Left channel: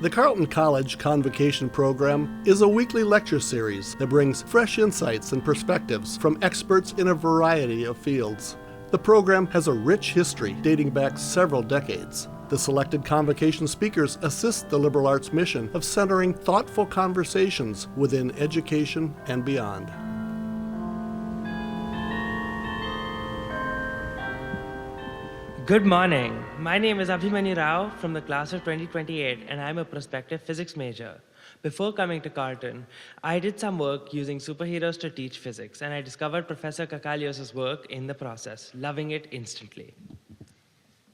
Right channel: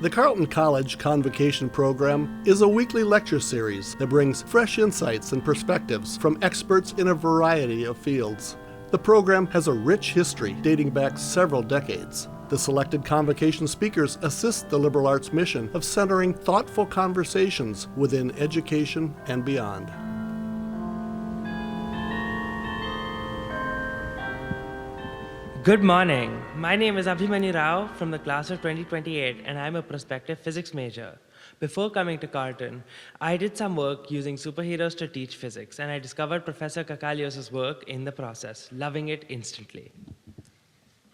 The Carleton College Convocation Program is a weekly lecture series that brings fresh insights and perspectives from experts in a variety of fields. The program has a rich history dating back several decades. The selected convocation speakers assist the liberal arts mission of centering thoughtful conversations within education and beyond. Good morning. My name is Abhimanyu Rao from the class of 2028, and I'm a prospective physics major. Before coming to Carleton, I did some work using superheroes to teach physics, and I discovered Professor Kakalios' work in the process, loving it instantly.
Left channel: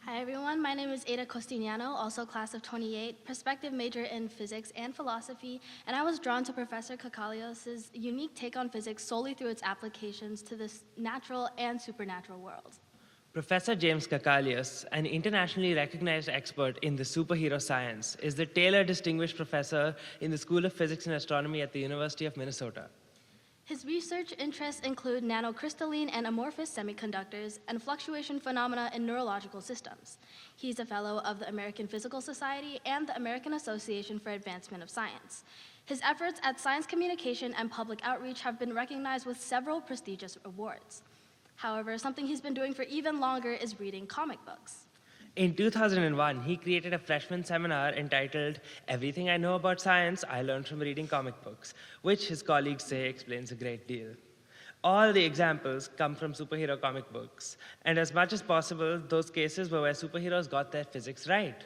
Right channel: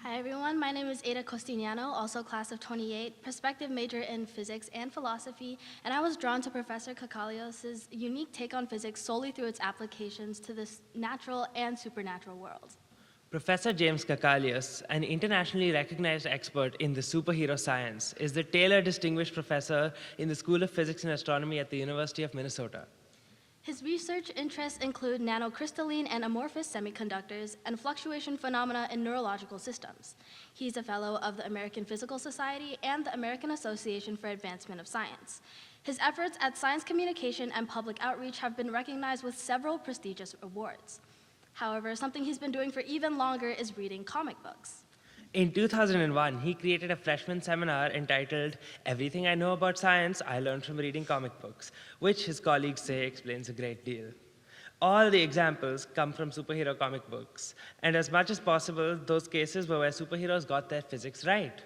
Hi everyone, my name is Ada Costiniano, also class of 28, prospective major in physics and philosophy, and I was drawn to Professor Kakalios' unique take on physics solely through its applications to this natural and supernatural worlds. Professor James Kakalios, an internationally recognized expert in the superhero science, is the Taylor Distinguished Professor in the School of Physics and Astronomy at the University of Minnesota. His research interests include nanocrystalline and amorphous semiconductors and fluctuation phenomena in neurological systems. He's a fellow of the American Physical Society and the American Association for Advancement of Science. His efforts at science communication and public outreach have been recognized with several prestigious awards. However, something he's been doing for even longer is reading comic books. In 2001, he created a freshman seminar entitled Everything I Know About Science I Learned from Reading Comic Books, which his colleagues say explains a great deal. All the examples come from superhero comic books, and as much as possible, those cases were where superheroes got their physics right.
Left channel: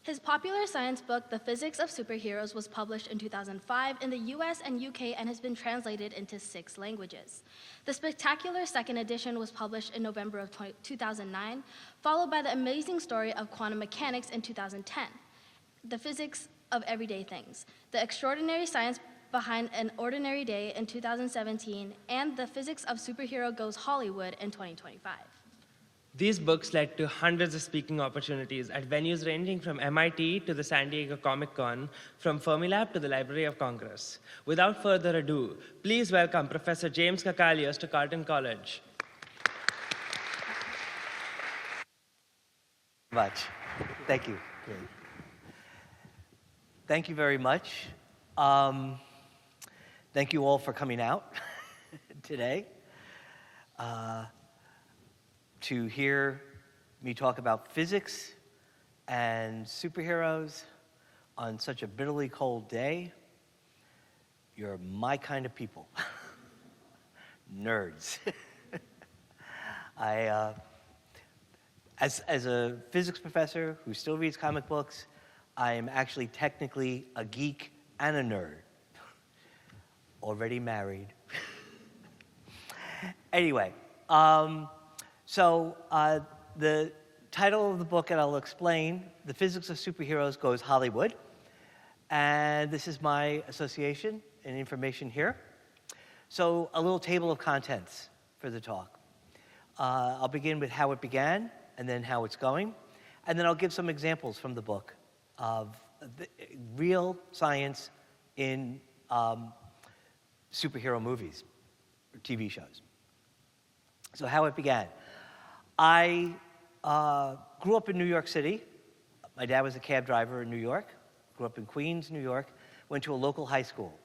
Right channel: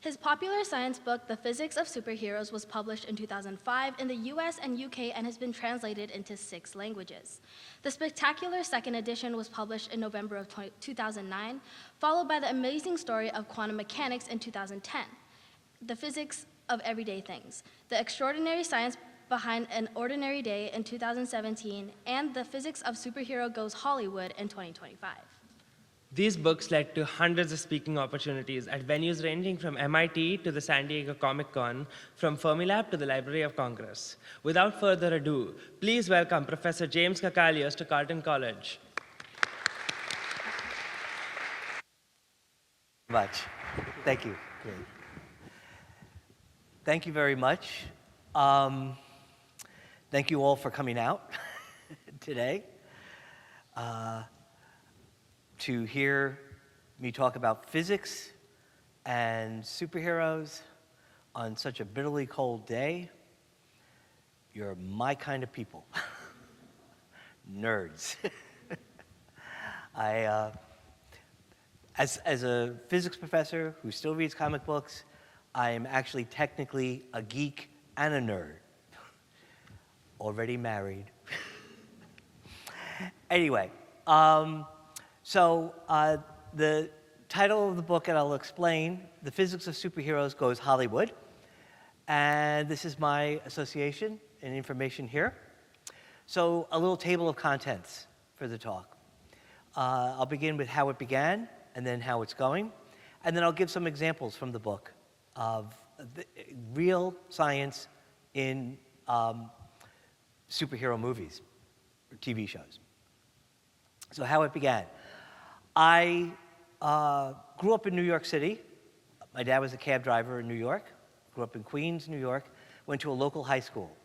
His popular science book, The Physics of Superheroes, was published in 2005 in the US and UK and has been translated into 6 languages. The spectacular second edition was published in November of 2009, followed by The Amazing Story of Quantum Mechanics in 2010, The Physics of Everyday Things, The Extraordinary Science Behind an Ordinary Day in 2017, and The Physics of Superhero Goes Hollywood in 2025. These books led to hundreds of speaking opportunities at venues ranging from MIT to the San Diego Comic Con, from Fermilab to the Library of Congress. Without further ado, please welcome Professor James Kakalios to Carleton College. Much. Thank you. Great. Thank you very much. Thank you all for coming out today to hear me talk about physics and superheroes on such a bitterly cold day. You're my kind of people. Nerds. As a physics professor who still reads comic books, I am actually technically a geek and a nerd. Already married. Anyway, the title of the book, and I'll explain, The Physics of Superheroes Goes Hollywood. And this is my association and information here. So a little table of contents for the talk. I'll begin with how it began, and then how it's going. And then I'll give some examples from the book of the real science in superhero movies or TV shows. So how it began. I grew up in New York City. My dad was a cab driver in New York. Grew up in Queens, New York. Went to a local high school.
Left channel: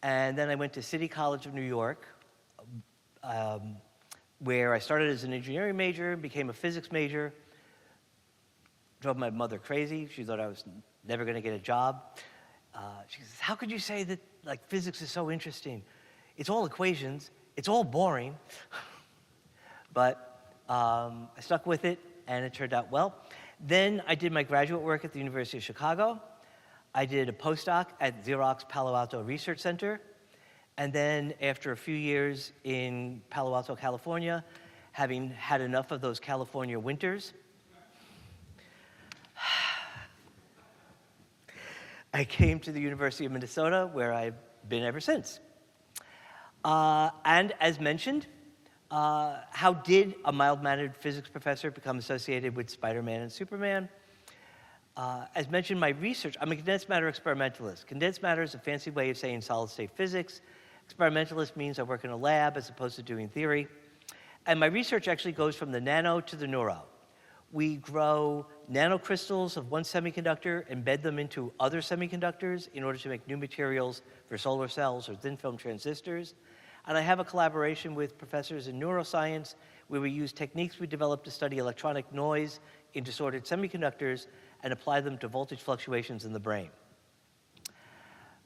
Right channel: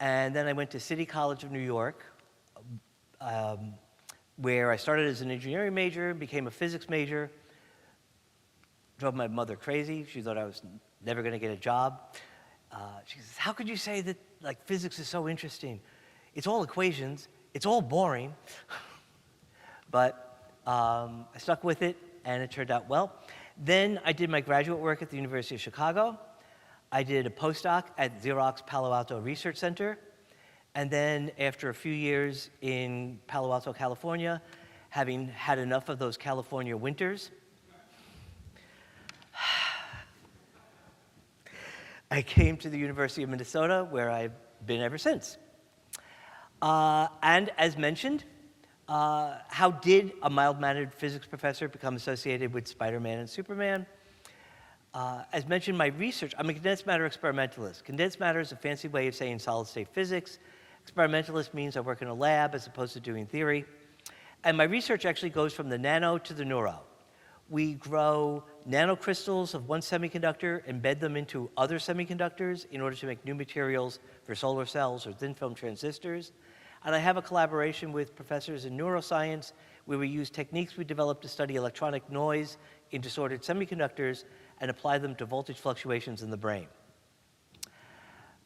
And then I went to City College of New York, where I started as an engineering major, became a physics major. Drove my mother crazy. She thought I was never going to get a job. She says, how could you say that physics is so interesting? It's all equations. It's all boring. But I stuck with it, and it turned out well. Then I did my graduate work at the University of Chicago. I did a postdoc at Xerox Palo Alto Research Center. And then after a few years in Palo Alto, California, having had enough of those California winters, I came to the University of Minnesota, where I've been ever since. And as mentioned, how did a mild-mannered physics professor become associated with Spider-Man and Superman? As mentioned, my research, I'm a condensed matter experimentalist. Condensed matter is a fancy way of saying solid-state physics. Experimentalist means I work in a lab as opposed to doing theory. And my research actually goes from the nano to the neuro, We grow nanocrystals of one semiconductor, embed them into other semiconductors in order to make new materials for solar cells or thin film transistors. And I have a collaboration with professors in neuroscience where we use techniques we developed to study electronic noise in disordered semiconductors and apply them to voltage fluctuations in the brain.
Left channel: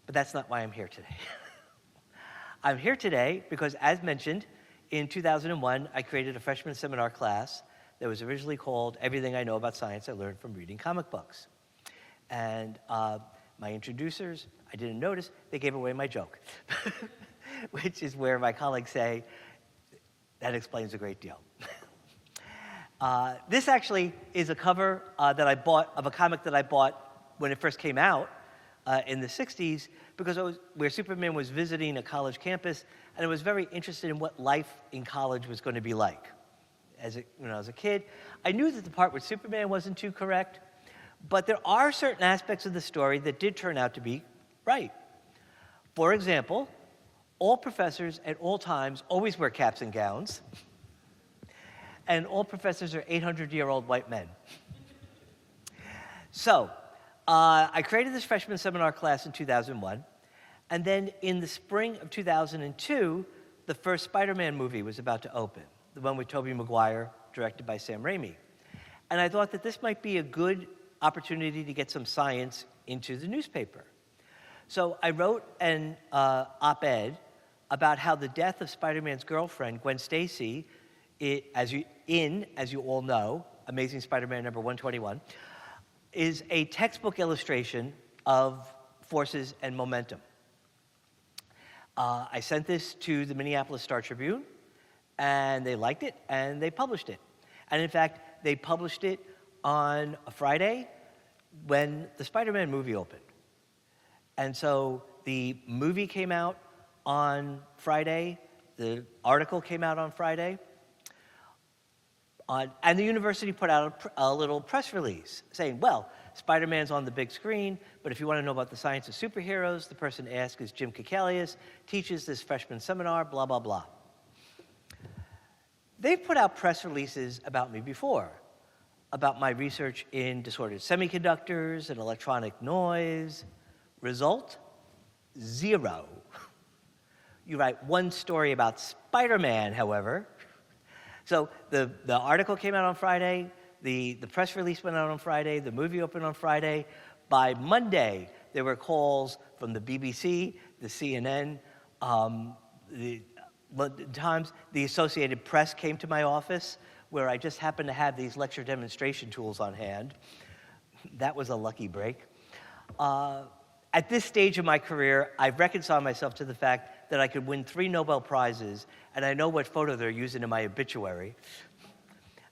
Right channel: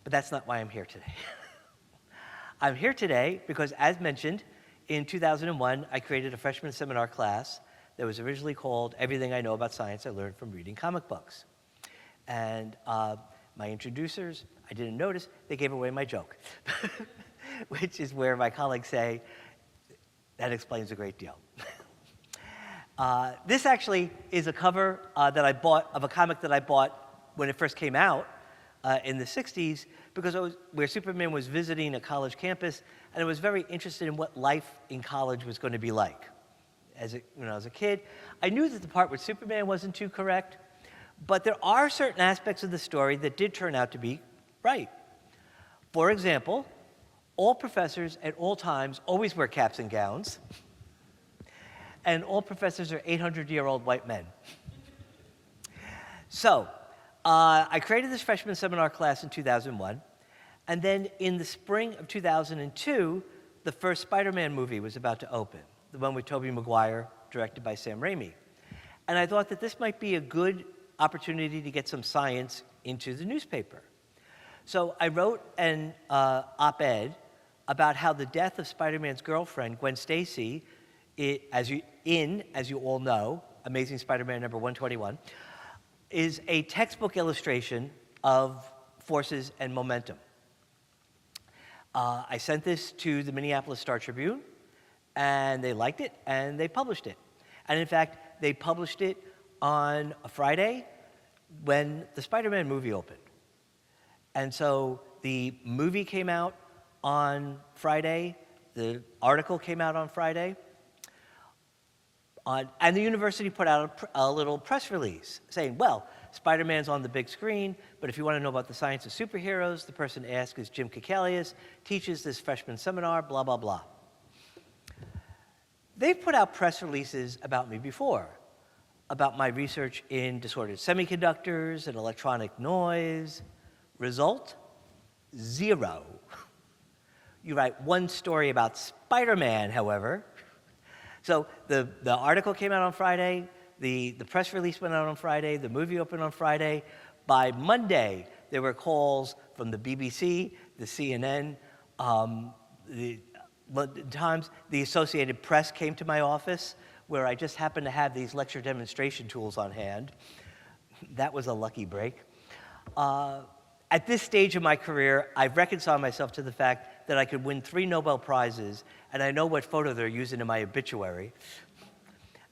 But that's not why I'm here today. I'm here today because, as mentioned, in 2001, I created a freshman seminar class that was originally called Everything I Know About Science I Learned from Reading Comic Books. And my introducers, I didn't notice, they gave away my joke, which is where my colleagues say, that explains a great deal. This actually is a cover that I bought of a comic that I bought when it first came out in the 60s, because it was where Superman was visiting a college campus, and I was very interested in what life in college was going to be like. When I was a kid, I knew that the part where Superman wasn't too correct, but there are certain aspects of the story that did turn out to be right. For example, all professors at all times always wear caps and gowns, and all professors are 800-year-old white men. So, I created this freshman seminar class in 2001, and then in the spring of 2002, the first Spider-Man movie was about to open, the one with Tobey Maguire, directed by Sam Raimi. And I thought that this might be a good opportunity to get some science into the newspaper. So I wrote an op-ed about how the death of Spider-Man's girlfriend, Gwen Stacy, as you all know, Amazing Spider-Man number 121, is a textbook illustration of forces and momentum. I sent this to the Minneapolis Star-Tribune, and they liked it, and they published it. And in fact, they published it on a Friday when the Spider-Man movie opened. And so the movie came out on Friday, the article came out on Friday, and the university put out a little press release saying, well, Spider-Man's on the big screen, but if you want to know about the science of superheroes, the person asked is Jim Kekalius, teaches this freshman seminar, blah, blah, blah. They've put out press releases about me before, about my research in disordered semiconductors and electronic noise. Result? Zero. You write one story about Spider-Man, however. So the article came out on Friday, the press release went out on Friday, the movie opened on Friday. By Monday, there were calls from the BBC, the CNN, the Times, the Associated Press came to my office, where I just happened to have these lecture demonstration tools on hand. That was a lucky break. At this stage of my career, I've reconciled myself to the fact that I could win 3 Nobel Prizes, and I know what photo they're using in my obituary.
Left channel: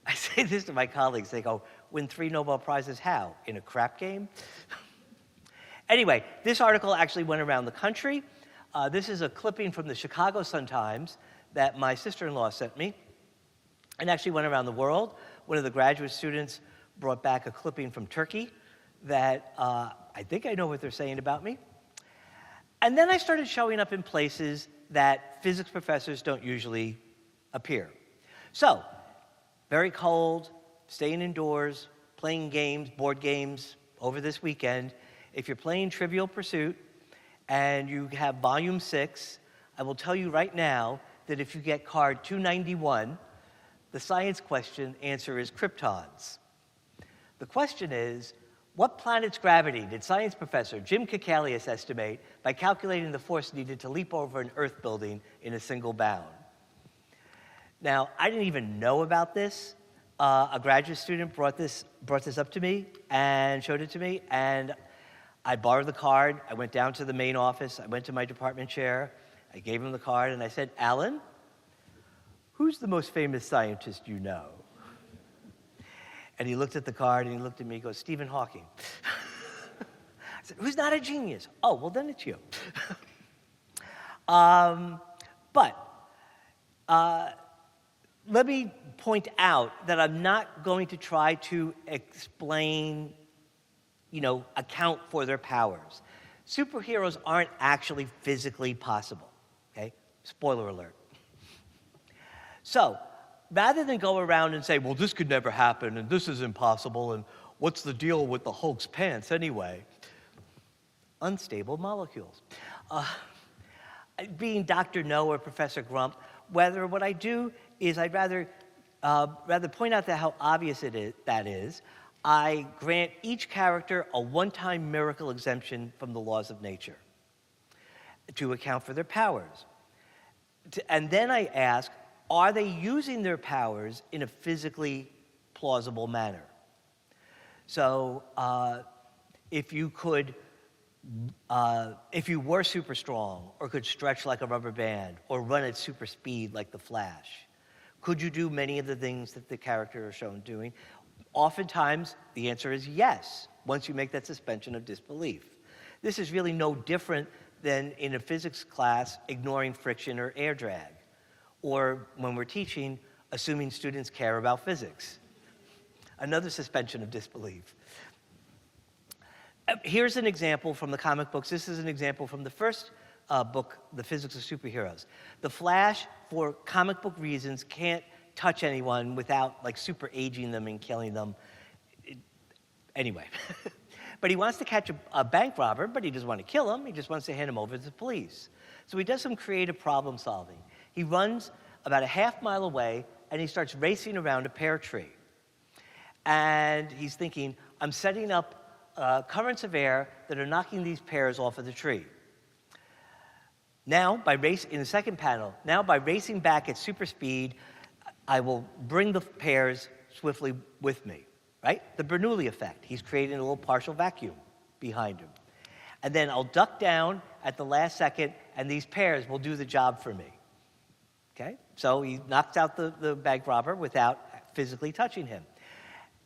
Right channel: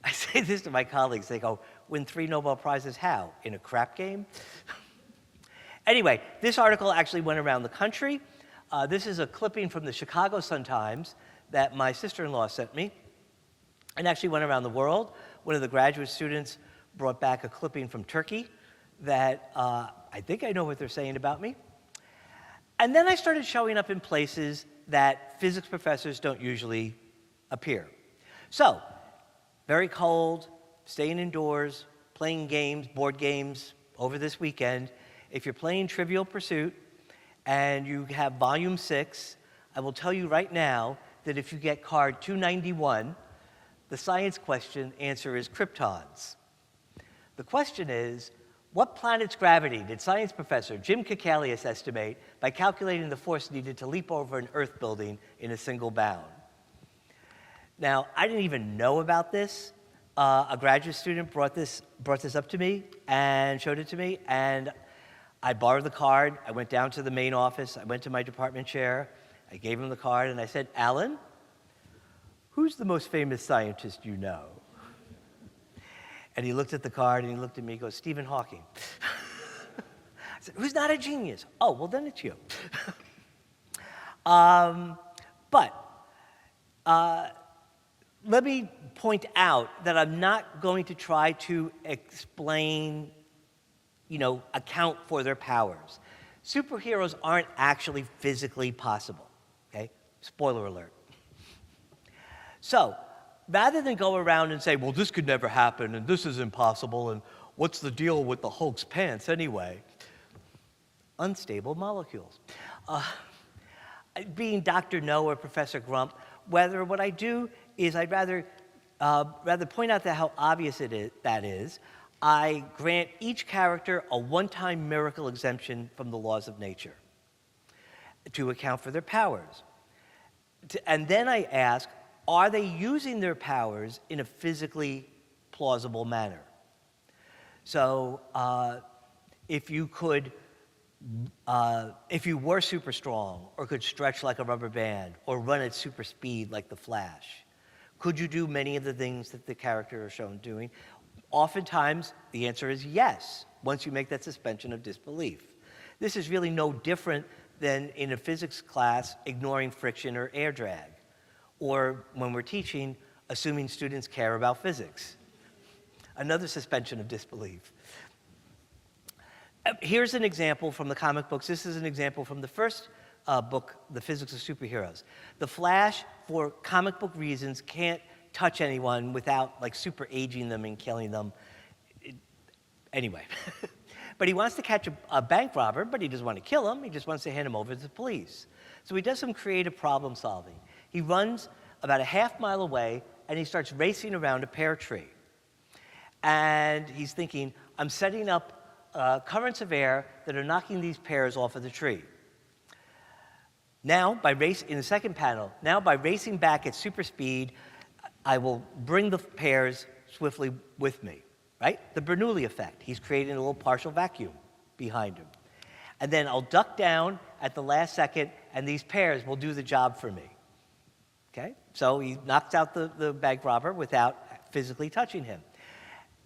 I say this to my colleagues, they go, win 3 Nobel Prizes how? In a crap game? Anyway, this article actually went around the country. This is a clipping from the Chicago Sun-Times that my sister-in-law sent me, and actually went around the world. One of the graduate students brought back a clipping from Turkey that I think I know what they're saying about me. And then I started showing up in places that physics professors don't usually appear. So, very cold, staying indoors, playing games, board games over this weekend. If you're playing Trivial Pursuit and you have volume 6, I will tell you right now that if you get card 291, the science question answer is kryptons. The question is, what planet's gravity did science professor Jim Kekalius estimate by calculating the force needed to leap over an Earth building in a single bound? Now, I didn't even know about this. A graduate student brought this up to me and showed it to me, and I borrowed the card. I went down to the main office. I went to my department chair. I gave him the card, and I said, Alan, who's the most famous scientist you know? And he looked at the card, and he looked at me, he goes, Stephen Hawking. I said, who's not a genius? Oh, well, then it's you. Let me point out that I'm not going to try to explain, account for their powers. Superheroes aren't actually physically possible, okay? Spoiler alert. So, rather than go around and say, well, this could never happen, and this is impossible, and what's the deal with the Hulk's pants anyway? Unstable molecules. Being Dr. No or Professor Grump, what I do is I'd rather point out how obvious that is. I grant each character a one-time miracle exemption from the laws of nature to account for their powers. And then I ask, are they using their powers in a physically plausible manner? So if you were super strong, or could stretch like a rubber band, or run at super speed like the Flash, could you do many of the things that the character are shown doing? Oftentimes, the answer is yes, once you make that suspension of disbelief. This is really no different than in a physics class ignoring friction or air drag, or when we're teaching, assuming students care about physics. Another suspension of disbelief. Here's an example from the comic books. This is an example from the first book, The Physics of Superheroes. The Flash, for comic book reasons, can't touch anyone without like super aging them and killing them. Anyway. But he wants to catch a bank robber, but he doesn't want to kill him. He just wants to hand him over to the police. So he does some creative problem solving. He runs about a half-mile away, and he starts racing around a pear tree. And he's thinking, I'm setting up currents of air that are knocking these pears off of the tree. Now, in the second panel, by racing back at super speed, I will bring the pears swiftly with me, right? The Bernoulli effect. He's creating a little partial vacuum behind him. And then I'll duck down at the last second, and these pears will do the job for me. Okay? So he knocks out the bank robber without physically touching him.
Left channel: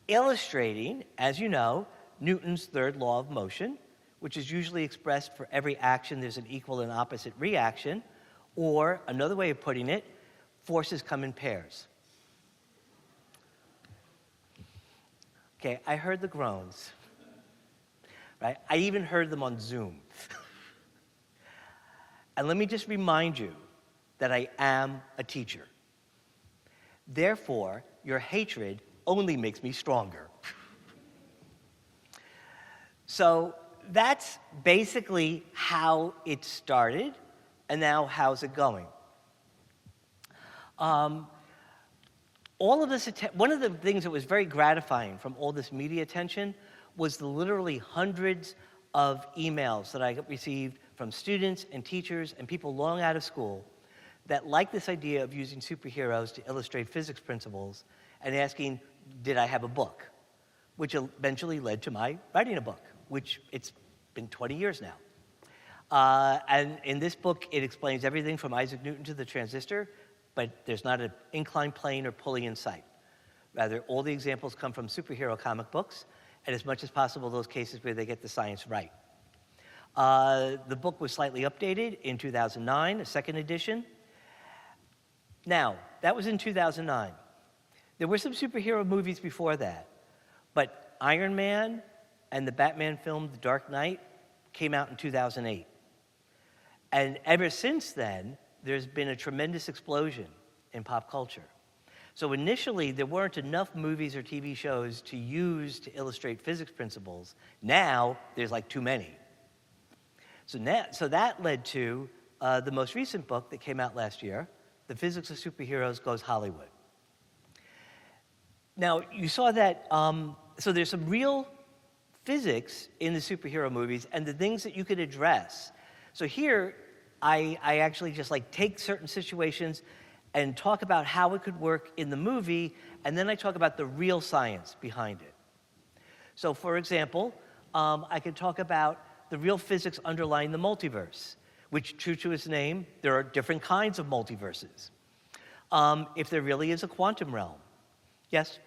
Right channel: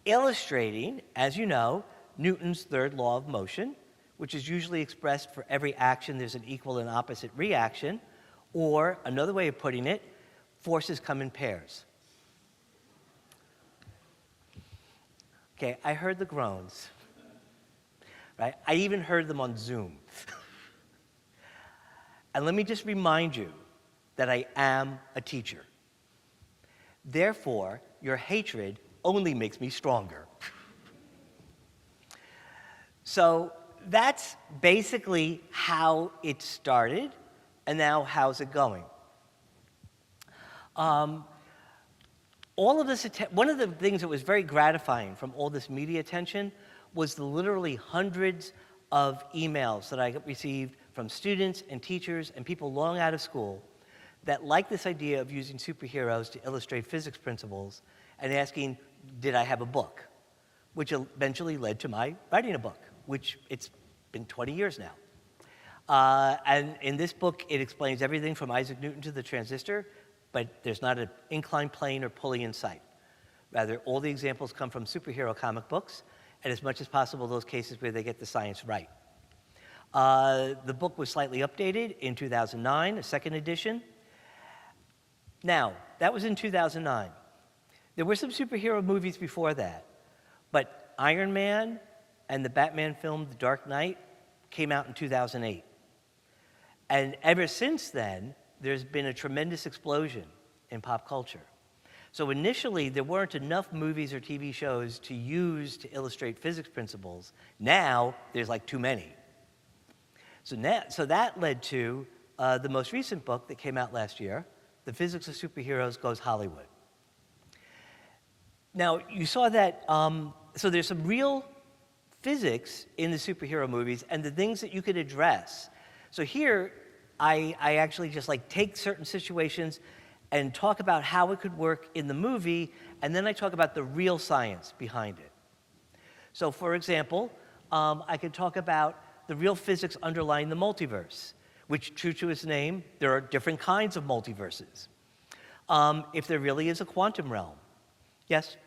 Illustrating, as you know, Newton's third law of motion, which is usually expressed for every action there's an equal and opposite reaction, or another way of putting it, forces come in pairs. Okay, I heard the groans, right? I even heard them on Zoom. And let me just remind you that I am a teacher. Therefore, your hatred only makes me stronger. So that's basically how it started, and now how's it going? All of this, one of the things that was very gratifying from all this media attention was the literally hundreds of emails that I received from students and teachers and people long out of school that liked this idea of using superheroes to illustrate physics principles and asking, did I have a book? Which eventually led to my writing a book, which it's been 20 years now. And in this book, it explains everything from Isaac Newton to the transistor, but there's not an inclined plane or pulley in sight. Rather, all the examples come from superhero comic books, and as much as possible, those cases where they get the science right. The book was slightly updated in 2009, a second edition. Now, that was in 2009. There were some superhero movies before that, but Iron Man and the Batman film, The Dark Knight, came out in 2008. And ever since then, there's been a tremendous explosion in pop culture. So initially, there weren't enough movies or TV shows to use to illustrate physics principles. Now, there's like too many. So that led to the most recent book that came out last year, The Physics of Superheroes Goes Hollywood. Now, you saw that, so there's some real physics in the superhero movies and the things that you could address. So here, I actually just like take certain situations and talk about how it could work in the movie, and then I talk about the real science behind it. So for example, I could talk about the real physics underlying the multiverse, which, true to its name, there are different kinds of multiverses. If there really is a quantum realm. Yes?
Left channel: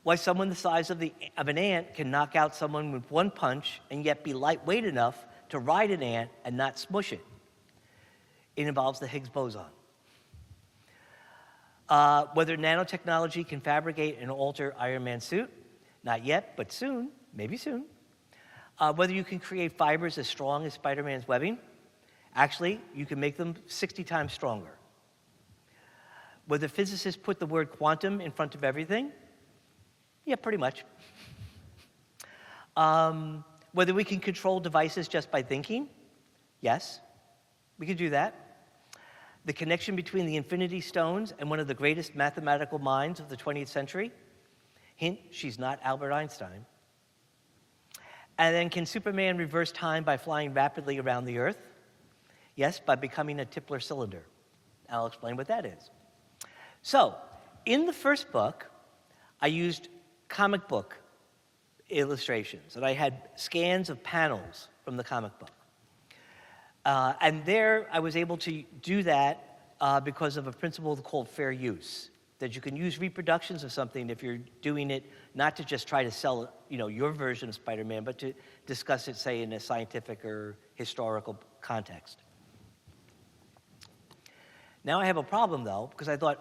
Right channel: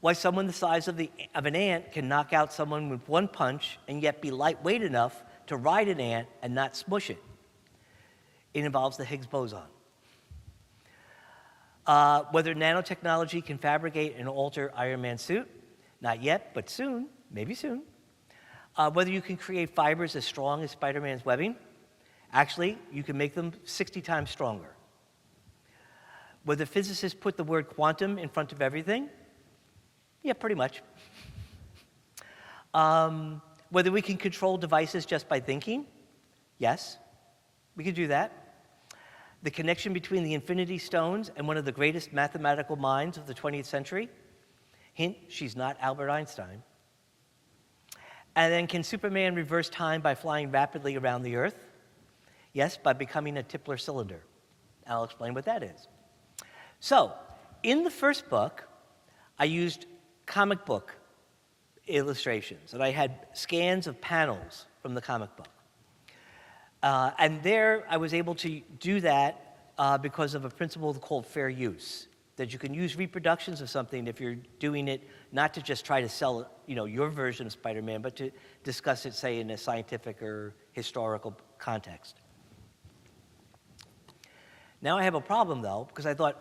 Why someone the size of an ant can knock out someone with one punch and yet be lightweight enough to ride an ant and not smush it. It involves the Higgs boson. Whether nanotechnology can fabricate and alter Iron Man's suit, not yet, but soon, maybe soon. Whether you can create fibers as strong as Spider-Man's webbing, actually, you can make them 60 times stronger. Whether physicists put the word quantum in front of everything? Yeah, pretty much. Whether we can control devices just by thinking? Yes, we can do that. The connection between the Infinity Stones and one of the greatest mathematical minds of the 20th century? Hint, she's not Albert Einstein. And then can Superman reverse time by flying rapidly around the Earth? Yes, by becoming a Tipler cylinder. I'll explain what that is. So, in the first book, I used comic book illustrations, and I had scans of panels from the comic book. And there, I was able to do that because of a principle called fair use, that you can use reproductions of something if you're doing it not to just try to sell, your version of Spider-Man, but to discuss it, say, in a scientific or historical context. Now I have a problem, though, because I thought,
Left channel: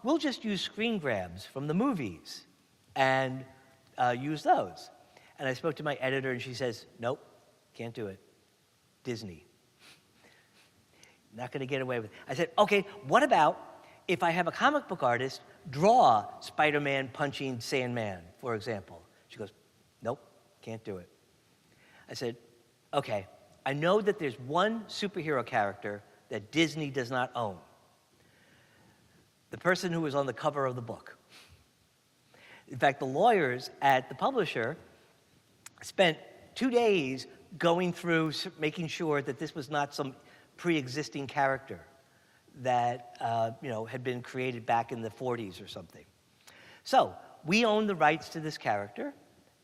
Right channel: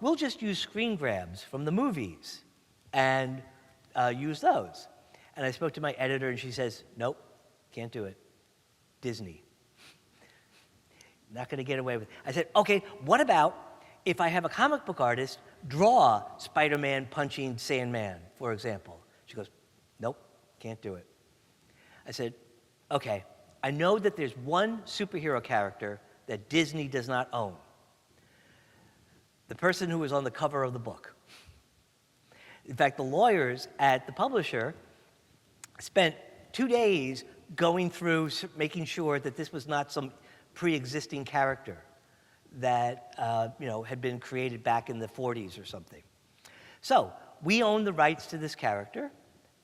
we'll just use screen grabs from the movies and use those. And I spoke to my editor, and she says, nope, can't do it. Disney. Not going to get away with it. I said, okay, what about if I have a comic book artist draw Spider-Man punching Sandman, for example? She goes, nope, can't do it. I said, okay, I know that there's one superhero character that Disney does not own. The person who was on the cover of the book. In fact, the lawyers at the publisher spent 2 days going through, making sure that this was not some pre-existing character that had been created back in the 40s or something. So we own the rights to this character,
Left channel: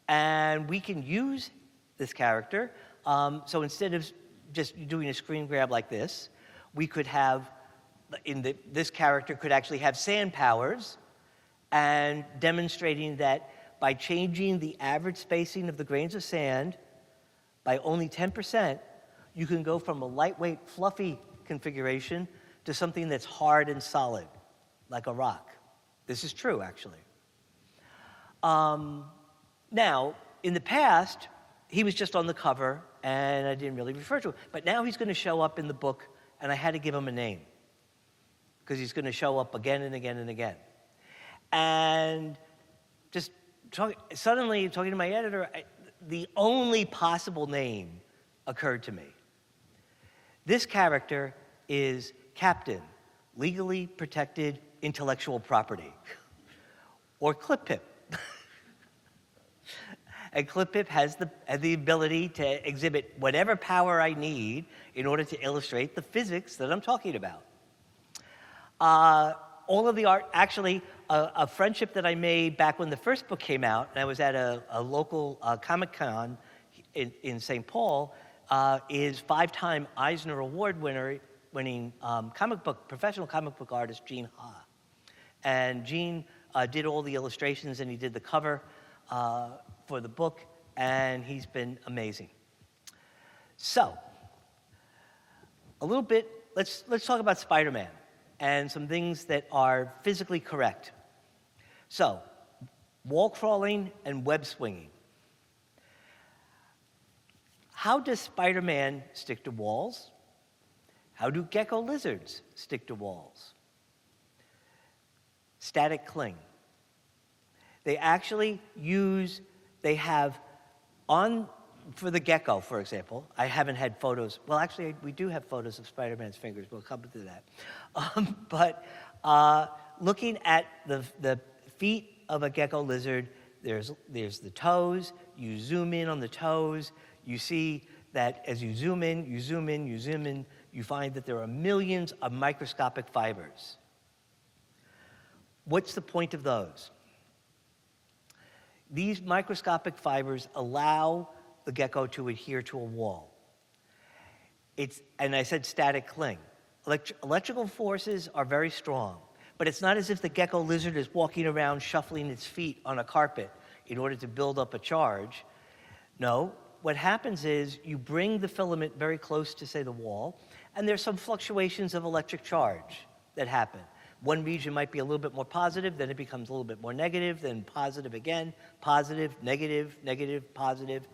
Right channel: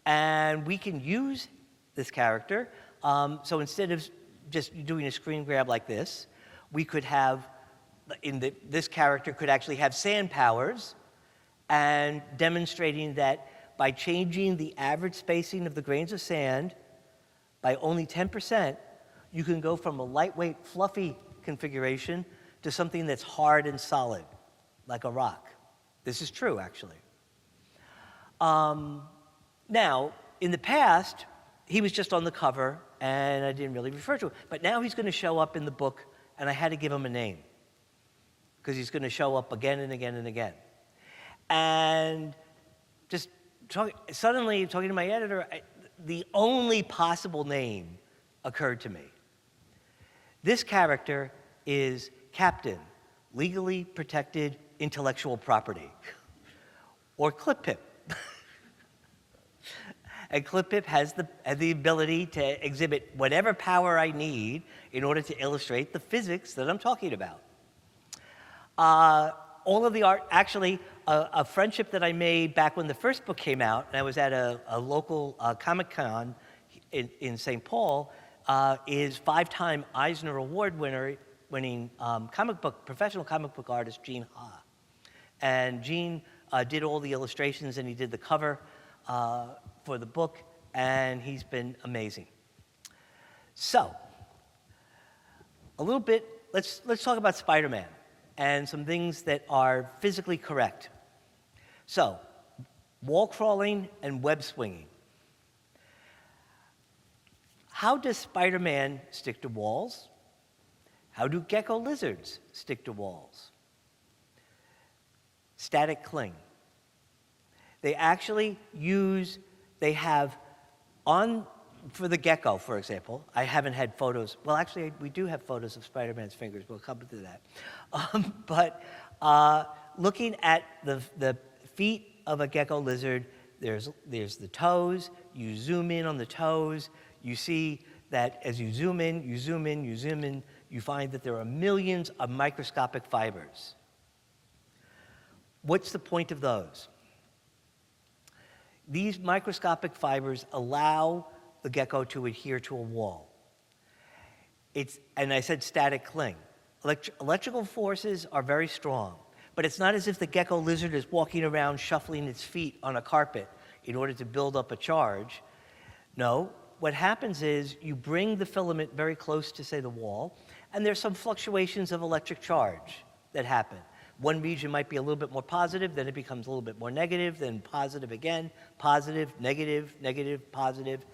and we can use this character. So instead of just doing a screen grab like this, we could have, this character could actually have sand powers, and demonstrating that by changing the average spacing of the grains of sand by only 10%, you can go from a lightweight, fluffy configuration to something that's hard and solid, like a rock. This is true, actually. Now, in the past, he was just on the cover, and I didn't really refer to him. But now he's going to show up in the book, and I had to give him a name, because he's going to show up again and again and again. And just suddenly, talking to my editor, the only possible name occurred to me. This character is Captain, Legally Protected Intellectual Property, or Clip-Pip. And Clip-Pip has the ability to exhibit whatever power I need in order to illustrate the physics that I'm talking about. All of the art, actually, a friendship that I made back when the first book came out, and I was at a local Comic-Con in St. Paul, is 5-time Eisner Award winning professional comic book artist Gene Ha. And Gene did all the illustrations, and he did the cover for the book, and he's been amazing. So, a little bit, let's talk about Spider-Man and some things that are physically correct. So, wall crawling and web swinging. How does Spider-Man stick to walls? How do gecko lizards stick to walls? Static cling. They actually for the gecko, for example, I haven't had photos. Well, actually, we do have photos of Spider-Man's fingers. We'll come to that. But looking at the feet of a gecko lizard, there's the toes. You zoom in on the toes. You see that as you zoom in, you zoom in, you zoom in, you find that there are millions of microscopic fibers. What's the point of those? These microscopic fibers allow the gecko to adhere to a wall. And I said static cling. Electrical forces are very strong, but it's not as if the gecko lizard is walking around shuffling its feet on a carpet in order to build up a charge. No, what happens is you bring the filament very close to, say, the wall, and there's some fluctuations of electric charge that happen. One region might be a little bit more positive, then it becomes a little bit more negative, then positive again, positive, negative, negative, positive.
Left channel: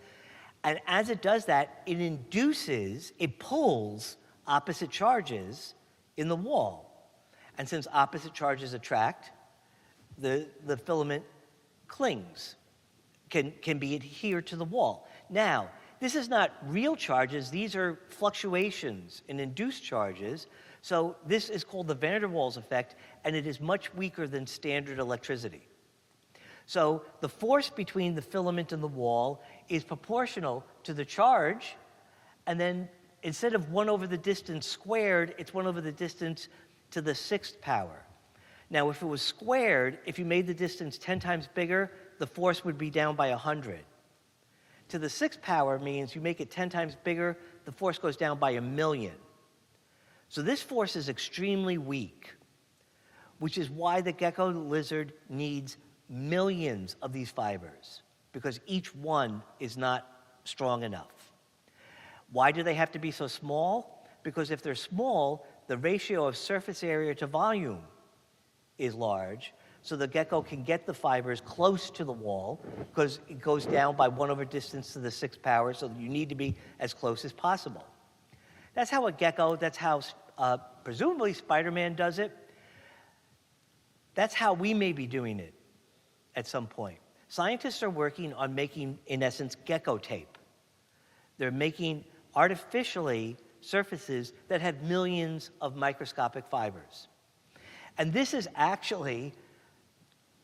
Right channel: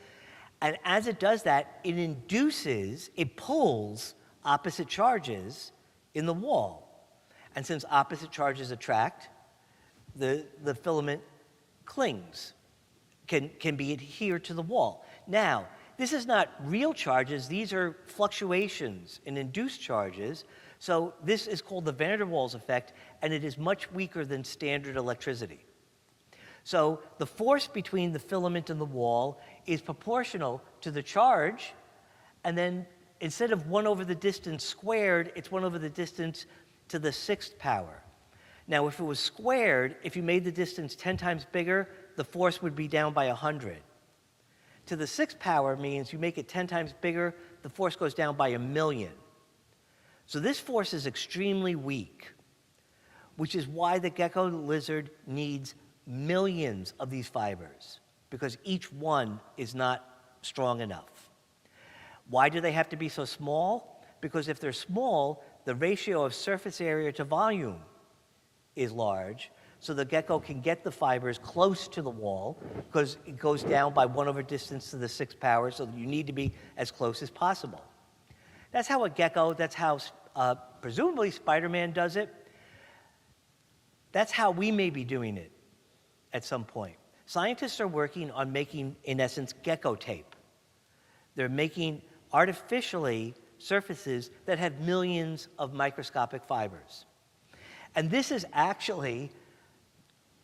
And as it does that, it pulls opposite charges in the wall. And since opposite charges attract, the filament clings, can be adhered to the wall. Now, this is not real charges, these are fluctuations in induced charges. So this is called the van der Waals effect, and it is much weaker than standard electricity. So the force between the filament and the wall is proportional to the charge, and then instead of 1 over the distance squared, it's 1 over the distance to the 6th power. Now, if it was squared, if you made the distance 10 times bigger, the force would be down by 100. To the 6th power means you make it 10 times bigger, the force goes down by 1,000,000. So this force is extremely weak, which is why the gecko lizard needs millions of these fibers, because each one is not strong enough. Why do they have to be so small? Because if they're small, the ratio of surface area to volume is large, so the gecko can get the fibers close to the wall, because it goes down by 1 over distance to the 6th power, so you need to be as close as possible. That's how a gecko, that's how presumably Spider-Man does it. That's how we may be doing it at some point. Scientists are working on making, in essence, gecko tape. They're making artificially surfaces that have millions of microscopic fibers. And this is actually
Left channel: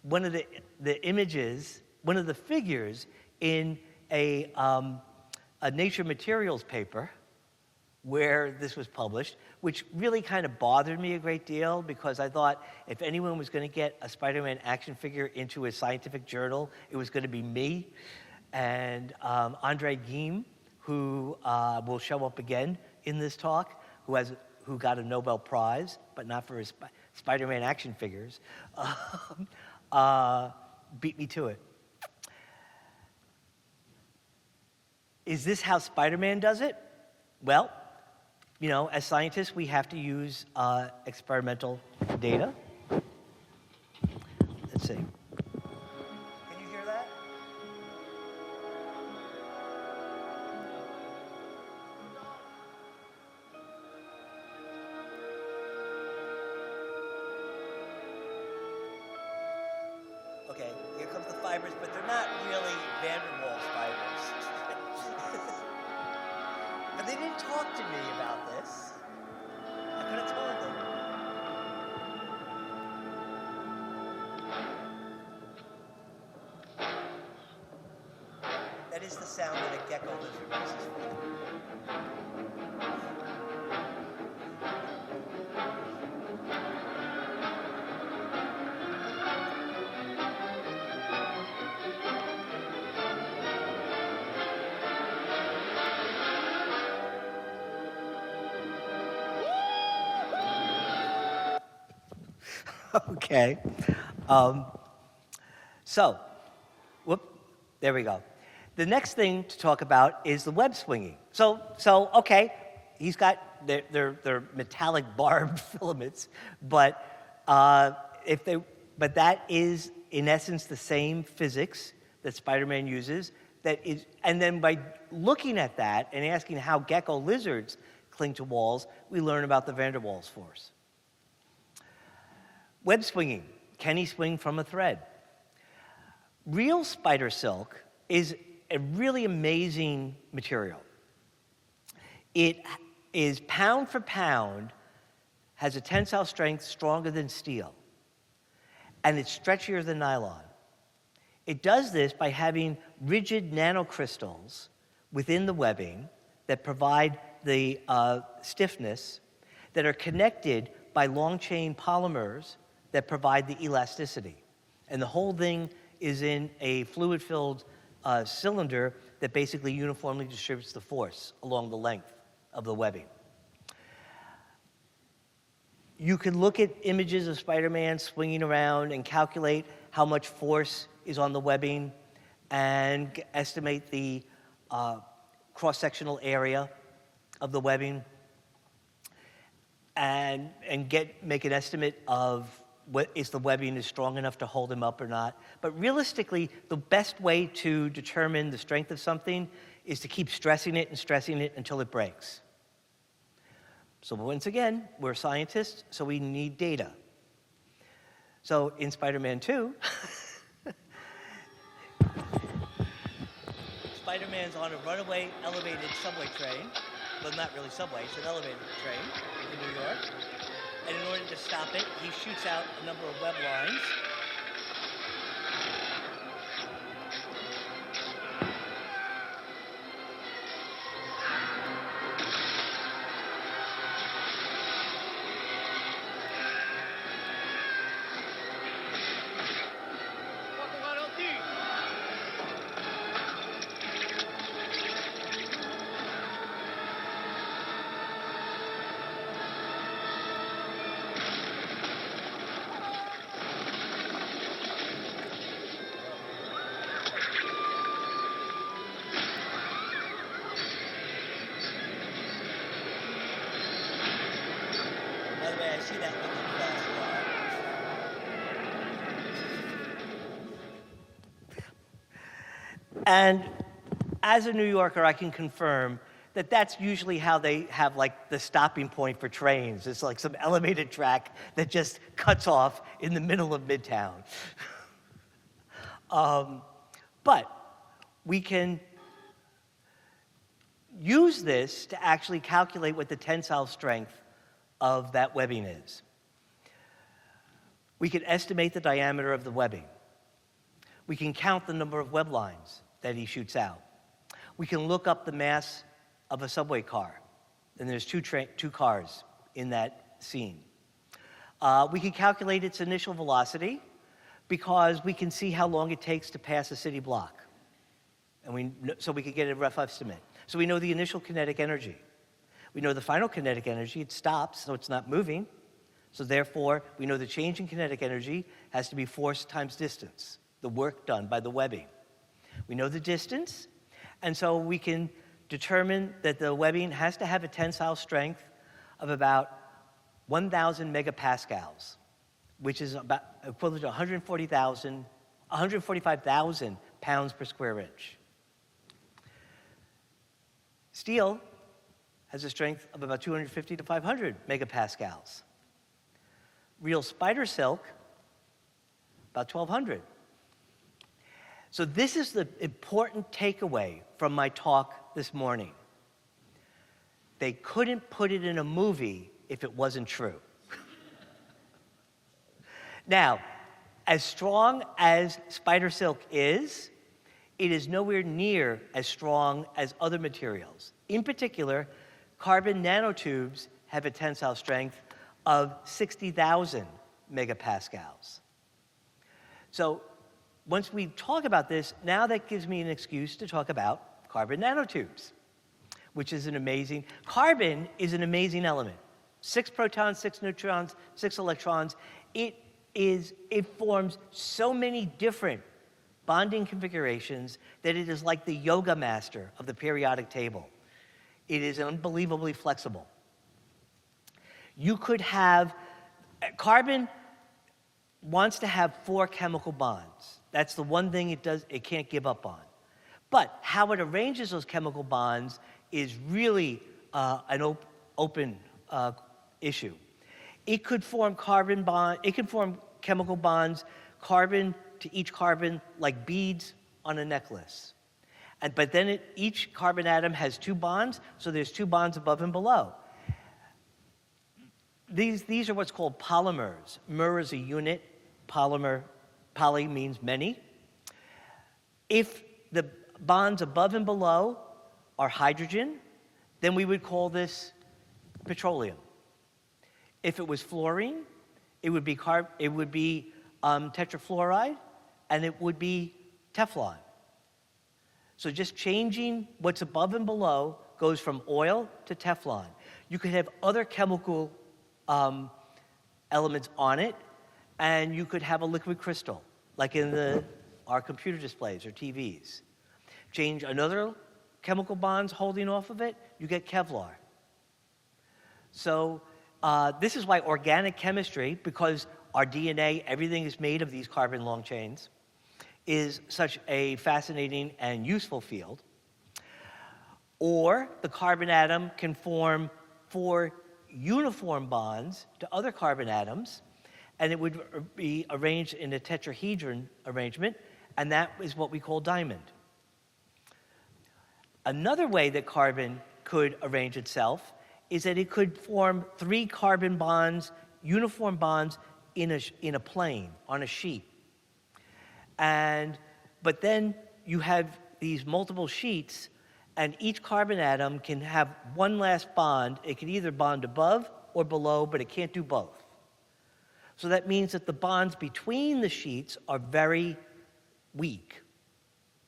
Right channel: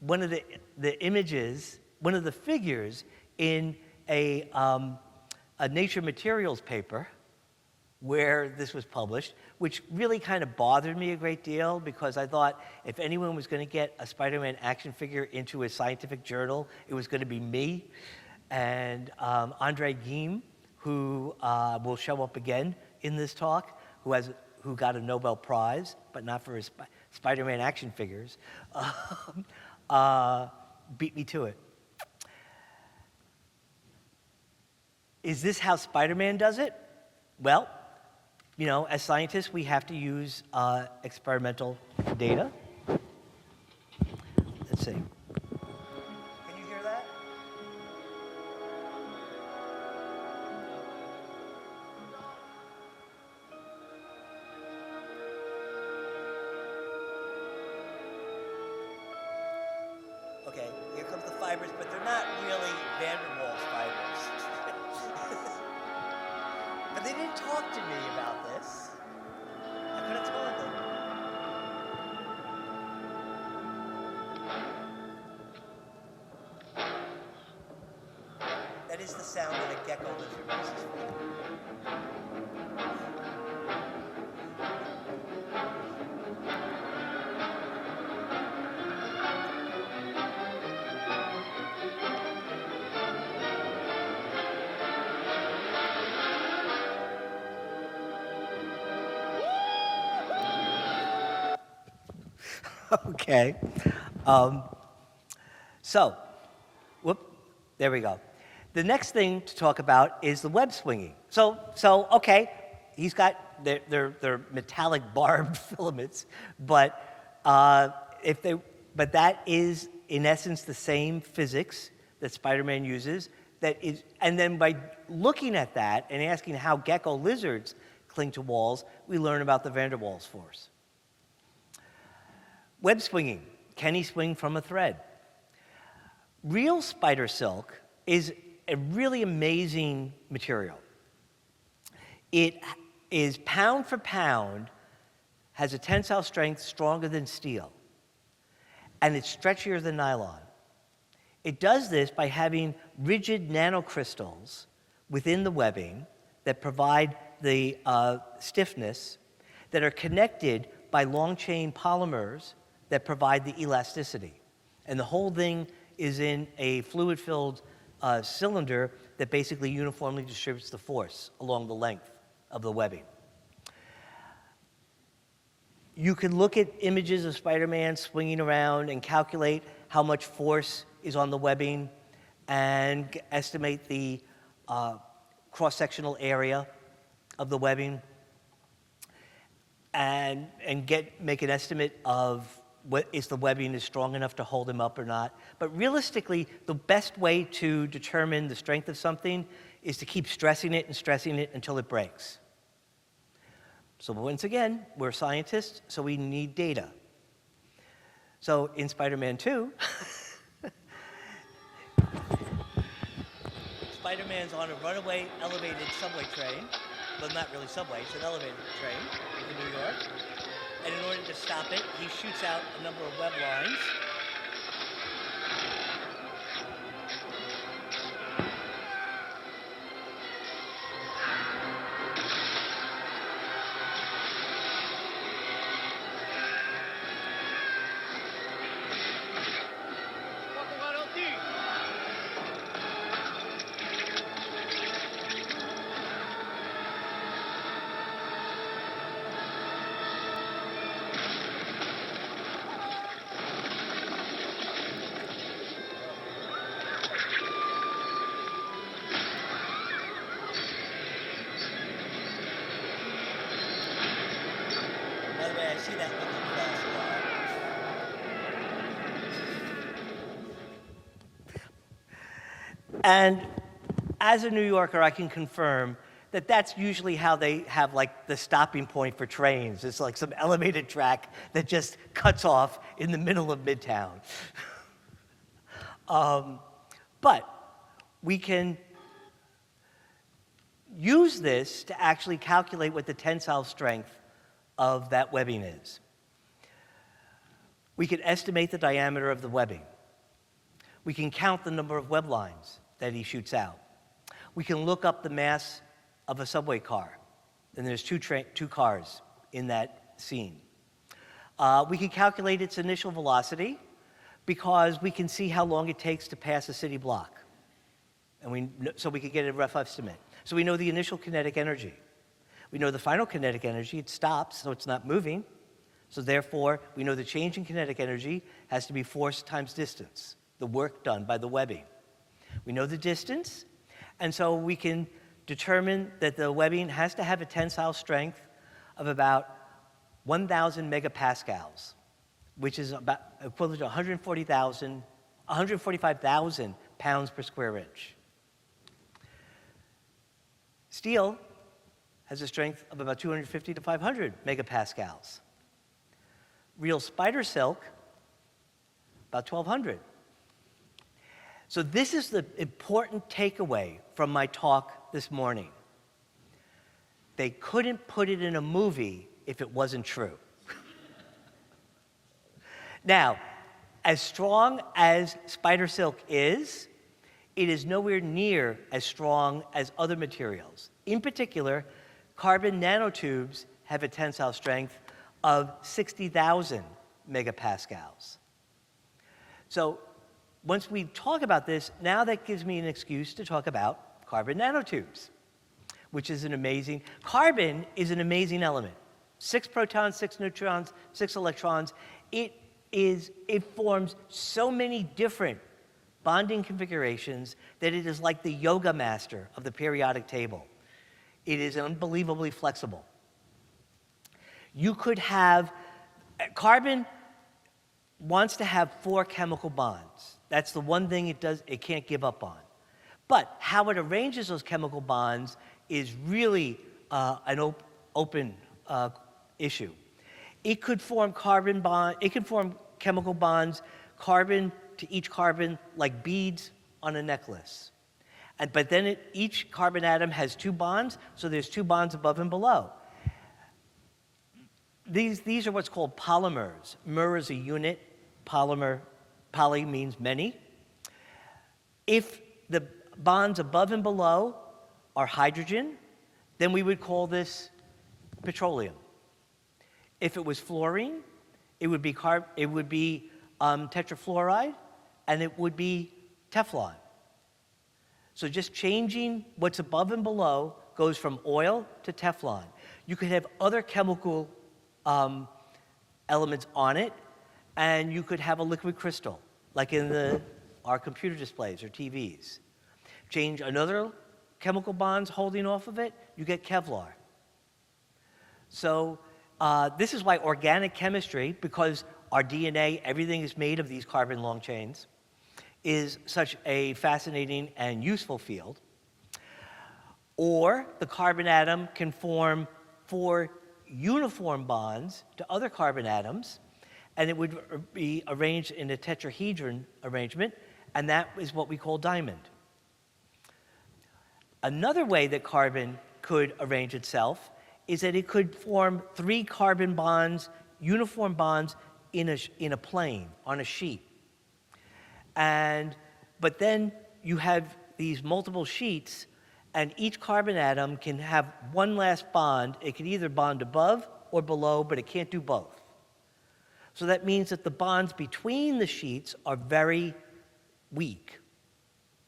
one of the images, one of the figures in a Nature Materials paper where this was published, which really kind of bothered me a great deal, because I thought if anyone was going to get a Spider-Man action figure into a scientific journal, it was going to be me. And Andre Geim, who will show up again in this talk, who got a Nobel Prize, but not for his Spider-Man action figures, beat me to it. Is this how Spider-Man does it? Well, you know, as scientists, we have to use experimental data. Let's see. Can you hear that? Okay, here comes the fibers, but they're not really van der Waals fibers. But they didn't talk to me about this. I could have told them. That is the sound that a gecko lizard makes. Okay. There we go. The next thing to talk about is the web swinging. So okay, he's got their metallic barbed filaments, but that is in essence the same physics that Spider-Man uses. And then by looking at that and asking how gecko lizards cling to walls, we learn about the van der Waals force. Web swinging. Can he swing from a thread? Real spider silk is a really amazing material. It is pound for pound, has a tensile strength stronger than steel, and it's stretchier than nylon. It does this by having rigid nanocrystals within the webbing that provide the stiffness, that are connected by long-chain polymers that provide the elasticity. And the whole thing is in a fluid-filled cylinder that basically uniformly distributes the force along the length of the webbing. You can look at images of Spider-Man swinging around and calculate how much force is on the webbing and estimate the cross-sectional area of the webbing and make an estimate of what is the webbing is strong enough to hold him up or not. But realistically, the best way to determine the strength of something is to keep stressing it until it breaks. So once again, we're scientists, so we need data. So in Spider-Man 2, Spider-Man's on a runaway elevated subway train. Well, not really subway, it's an elevated train in New York. And in order to stop it, he shoots out a number of web lines. By the way, I see that looking across the line. And as a New Yorker, I can confirm that that's usually how they have like the stopping point for trains. It's like some elevated track that just cuts off in the middle of Midtown. But we can use this to actually calculate what the tensile strength of that webbing is. We can estimate the diameter of the webbing. We can count the number of web lines that he shoots out. We can look up the mass of a subway car, and there's two cars in that scene. We can calculate its initial velocity because we can see how long it takes to pass a city block. And so we can get a rough estimate. So we know the initial kinetic energy. We know the final kinetic energy. It stops, so it's not moving. So therefore, we know the change in kinetic energy has to be force times distance, the work done by the webbing. We know the distance, and so we can determine that the webbing has to have a tensile strength of about 1,000 megapascals, which is about equivalent to 145,000 pounds per square inch. Steel has a strength of about 250 to 500 megapascals. Real spider silk, about 1,200. So this is the important takeaway from my talk this morning. They couldn't put it in a movie if it wasn't true. Now, as strong as spider silk is, it is nowhere near as strong as other materials. In particular, carbon nanotubes have a tensile strength of 60,000 megapascals. So once we talk about this, now that gives me an excuse to talk about carbon nanotubes, which is carbon is an amazing element. 6 protons, 6 neutrons, 6 electrons. It forms so many different bonding configurations that it is like the yoga master of the periodic table. It is unbelievably flexible. You could have, carbon wants to have 4 chemical bonds. That's the one thing it can't give up on. But how it arranges those chemical bonds is really an open issue. It could form chemical bonds, carbon to each carbon, like beads on a necklace. But then each carbon atom has 2 bonds, so there's 2 bonds above and below. These are what's called polymers. Mer is a unit, polymer, poly means many. If the bonds above and below are hydrogen, then we would call this petroleum. If it was fluorine, it would be tetrafluoride, and it would be Teflon. So just changing what's above and below goes from oil to Teflon. You could have other chemical elements on it, and you could have a liquid crystal, like in our computer displays or TVs. Change another chemical bonds holding off of it, you get Kevlar. So this is why organic chemistry, because our DNA, everything is made of these carbon long chains, is such a fascinating and useful field. Or the carbon atom can form 4 uniform bonds to other carbon atoms, and it would be arranged in a tetrahedron arrangement, and that is what we call diamond. Another way that carbon could arrange itself is that it could form 3 carbon bonds, uniform bonds, in a plane, on a sheet. But then you have these multiple sheets, and each carbon atom can have one last bond. It can either bond above or below, but it can't do both. So that means that the bonds between the sheets are very weak,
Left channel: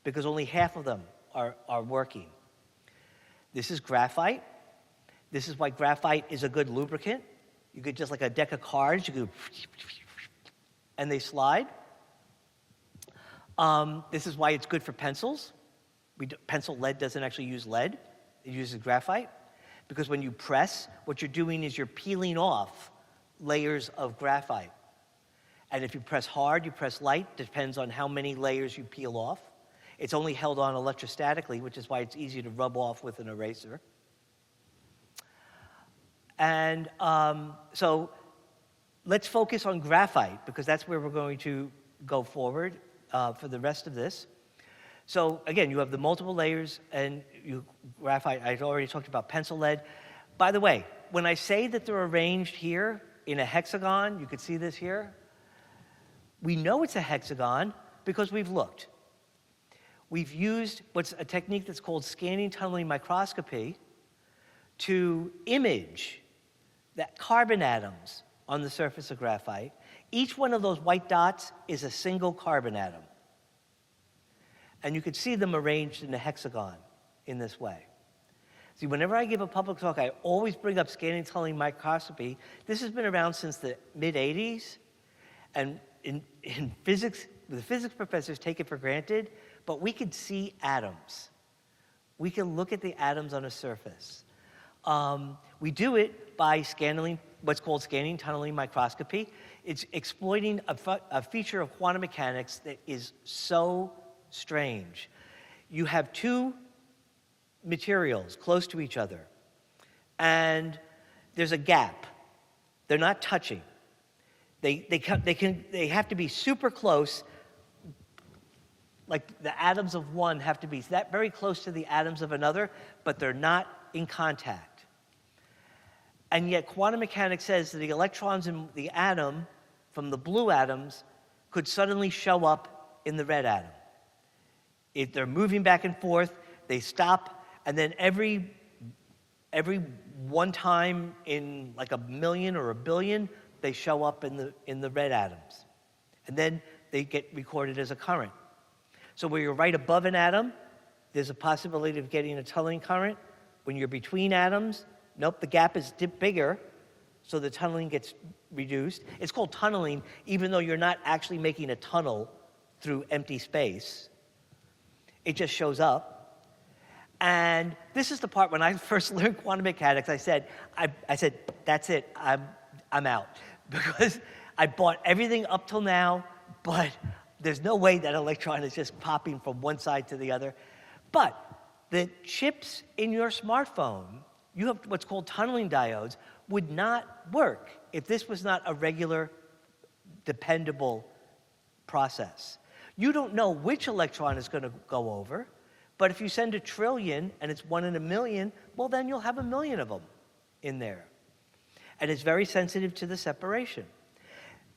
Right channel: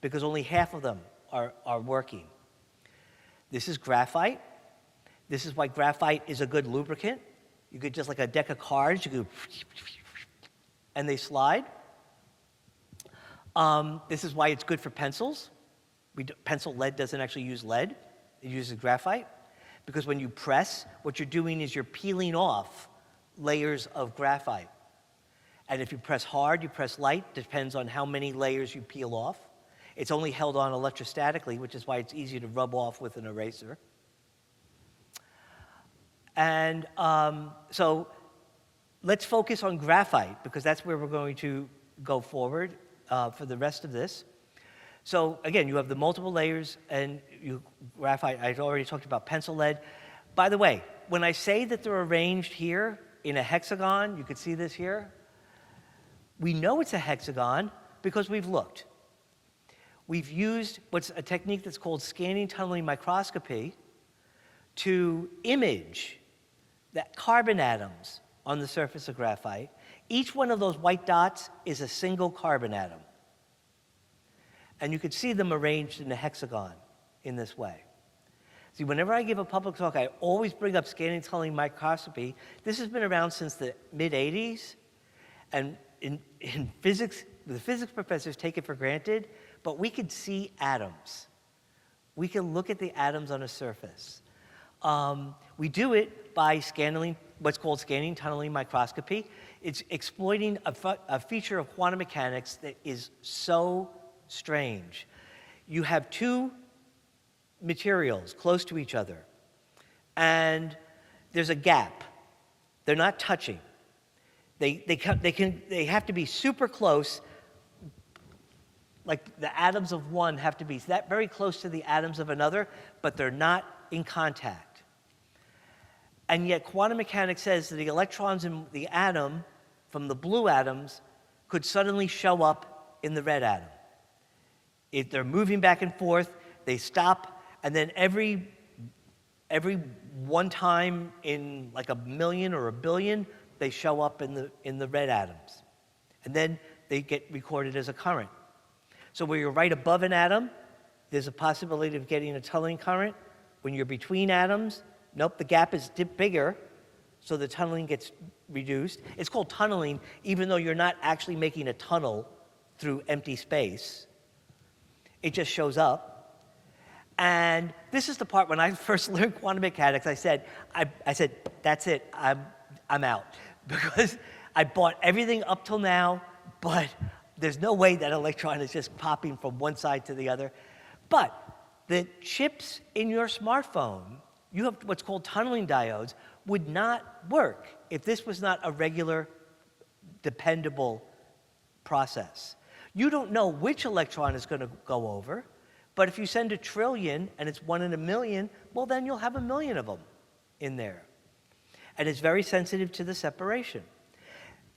because only half of them are working. This is graphite. This is why graphite is a good lubricant. You could just like a deck of cards, you go, and they slide. This is why it's good for pencils. Pencil lead doesn't actually use lead. It uses graphite. Because when you press, what you're doing is you're peeling off layers of graphite. And if you press hard, you press light, depends on how many layers you peel off. It's only held on electrostatically, which is why it's easy to rub off with an eraser. And so let's focus on graphite, because that's where we're going to go forward for the rest of this. So again, you have the multiple layers, and graphite, I already talked about pencil lead. By the way, when I say that they're arranged here in a hexagon, you can see this here, we know it's a hexagon because we've looked. We've used what's a technique that's called scanning tunneling microscopy to image the carbon atoms on the surface of graphite. Each one of those white dots is a single carbon atom. And you can see them arranged in a hexagon in this way. See, whenever I give a public talk, I always bring up scanning tunneling microscopy. This has been around since the mid-'80s. And in physics, the physics professors take it for granted, but we can see atoms. We can look at the atoms on a surface. We do it by scanning, what's called scanning tunneling microscopy. It's exploiting a feature of quantum mechanics that is so strange. You have 2 materials close to each other, and there's a gap. They're not touching. They have to be super close. Like the atoms of one have to be that very close to the atoms of another, but they're not in contact. And yet quantum mechanics says that the electrons in the atom from the blue atoms could suddenly show up in the red atom. If they're moving back and forth, they stop, and then every one time in like a million or a billion, they show up in the red atoms. And then they get recorded as a current. So where you're right above an atom, there's a possibility of getting a tunneling current. When you're between atoms, nope, the gap is bigger, so the tunneling gets reduced. It's called tunneling, even though you're not actually making a tunnel through empty space. It just shows up. And this is the part when I first learned quantum mechanics, I said, that's it, I'm out. Because I bought everything up till now, but there's no way that electron is just popping from one side to the other. But the chips in your smartphone, you have what's called tunneling diodes, would not work if this was not a regular, dependable process. You don't know which electron is going to go over, but if you send 1 trillion and it's 1 in a million, well, then you'll have 1 million of them in there. And it's very sensitive to the separation.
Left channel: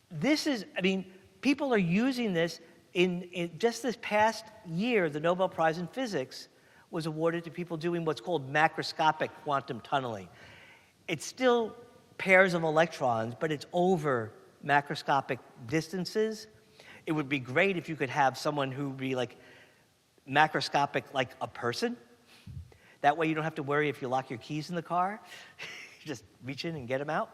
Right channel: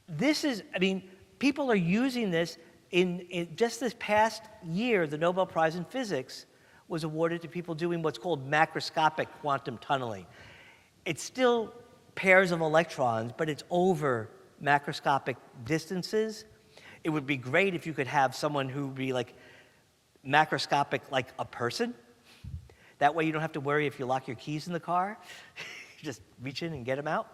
This is, I mean, people are using this in just this past year. The Nobel Prize in Physics was awarded to people doing what's called macroscopic quantum tunneling. It's still pairs of electrons, but it's over macroscopic distances. It would be great if you could have someone who would be like macroscopic like a person. That way you don't have to worry if you lock your keys in the car. Just reach in and get them out.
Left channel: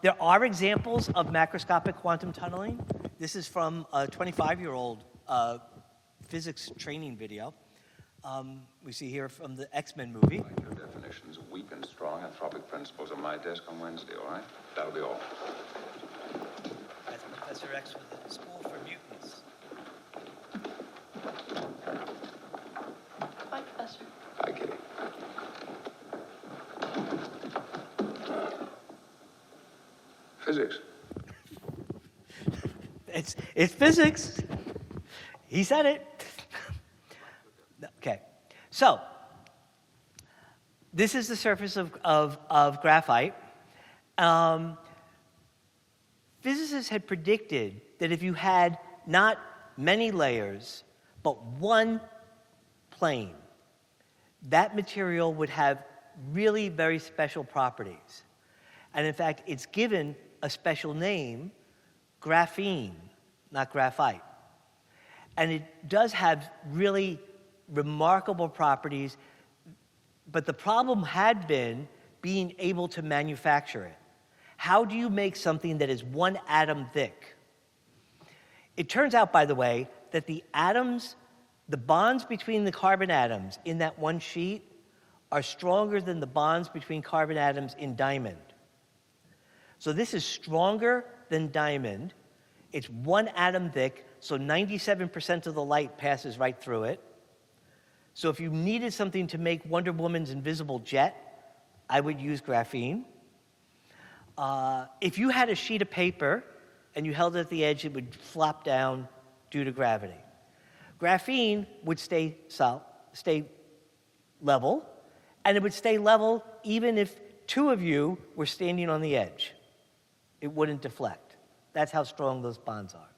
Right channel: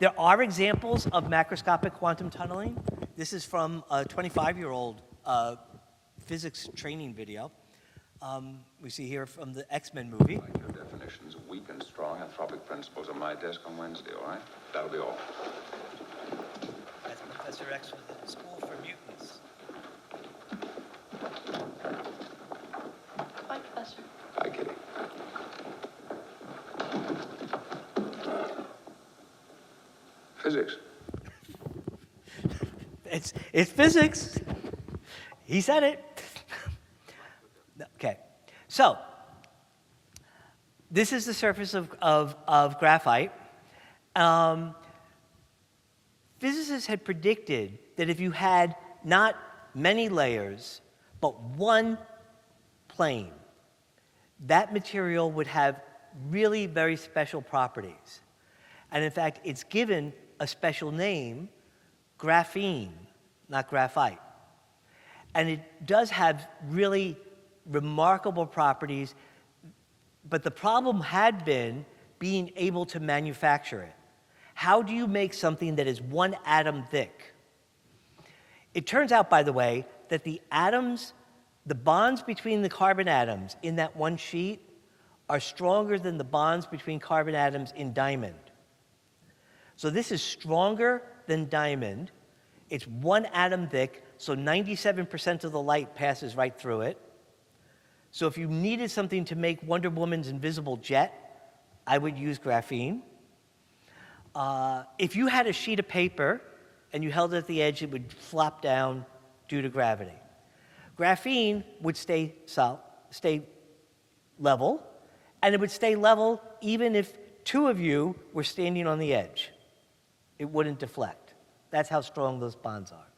There are examples of macroscopic quantum tunneling. This is from a 25-year-old physics training video. We see here from the X-Men movie. Your definitions of weak and strong anthropic principles on my desk on Wednesday, all right? That'll be all. That's Professor X with the School for Mutants. Bye, Professor. Bye, Kitty. Physics. It's physics. He said it. Okay, so this is the surface of graphite. Physicists had predicted that if you had not many layers, but one plane, that material would have really very special properties. And in fact, it's given a special name, graphene, not graphite. And it does have really remarkable properties, but the problem had been being able to manufacture it. How do you make something that is 1 atom thick? It turns out, by the way, that the atoms, the bonds between the carbon atoms in that one sheet are stronger than the bonds between carbon atoms in diamond. So this is stronger than diamond. It's 1 atom thick, so 97% of the light passes right through it. So if you needed something to make Wonder Woman's invisible jet, I would use graphene. If you had a sheet of paper and you held it at the edge, it would flop down due to gravity. Graphene would stay level, and it would stay level even if 2 of you were standing on the edge. It wouldn't deflect. That's how strong those bonds are.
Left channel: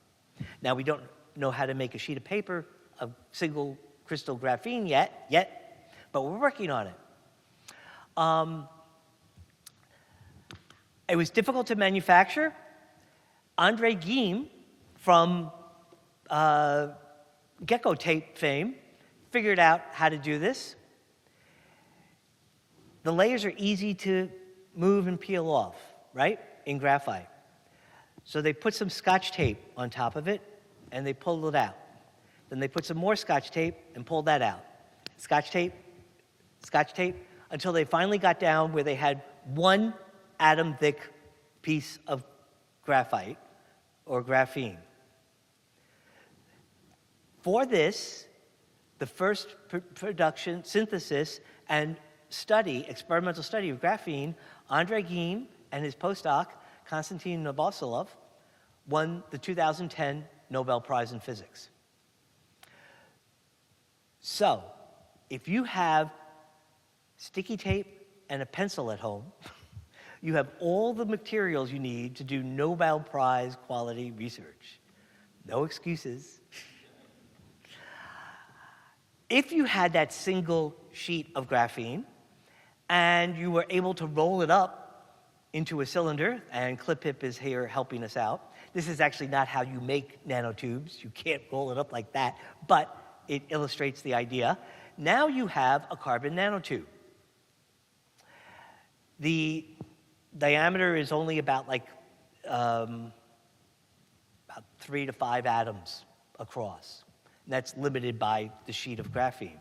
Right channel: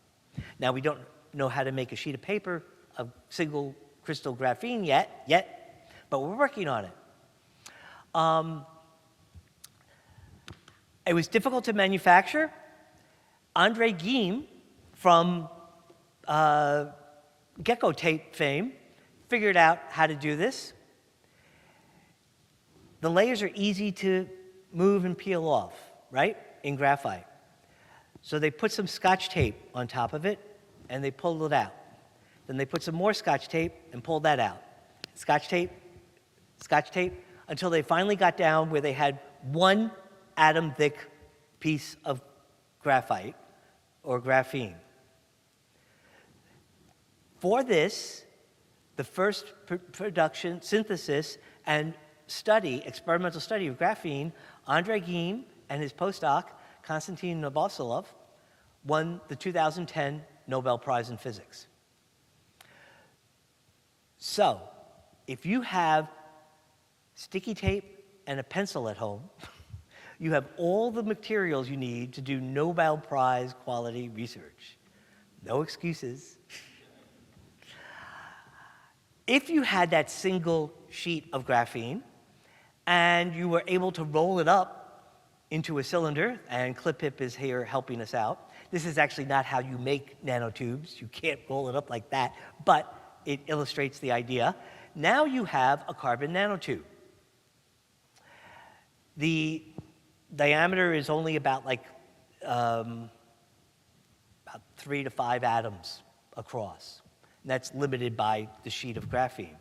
Now, we don't know how to make a sheet of paper of single crystal graphene yet, but we're working on it. It was difficult to manufacture. Andre Geim from Gecko tape fame figured out how to do this. The layers are easy to move and peel off, right, in graphite. So they put some Scotch tape on top of it, and they pulled it out. Then they put some more Scotch tape and pulled that out. Scotch tape, until they finally got down where they had 1 atom thick piece of graphite or graphene. For this, the first production, synthesis, and experimental study of graphene, Andre Geim and his postdoc, Konstantin Novoselov, won the 2010 Nobel Prize in Physics. So, if you have sticky tape and a pencil at home, you have all the materials you need to do Nobel Prize quality research. No excuses. If you had that single sheet of graphene and you were able to roll it up into a cylinder, and ClipHip is here helping us out. This is actually not how you make nanotubes. You can't roll it up like that, but it illustrates the idea. Now you have a carbon nanotube. The diameter is only about 3 to 5 atoms across. And that's limited by the sheet of graphene.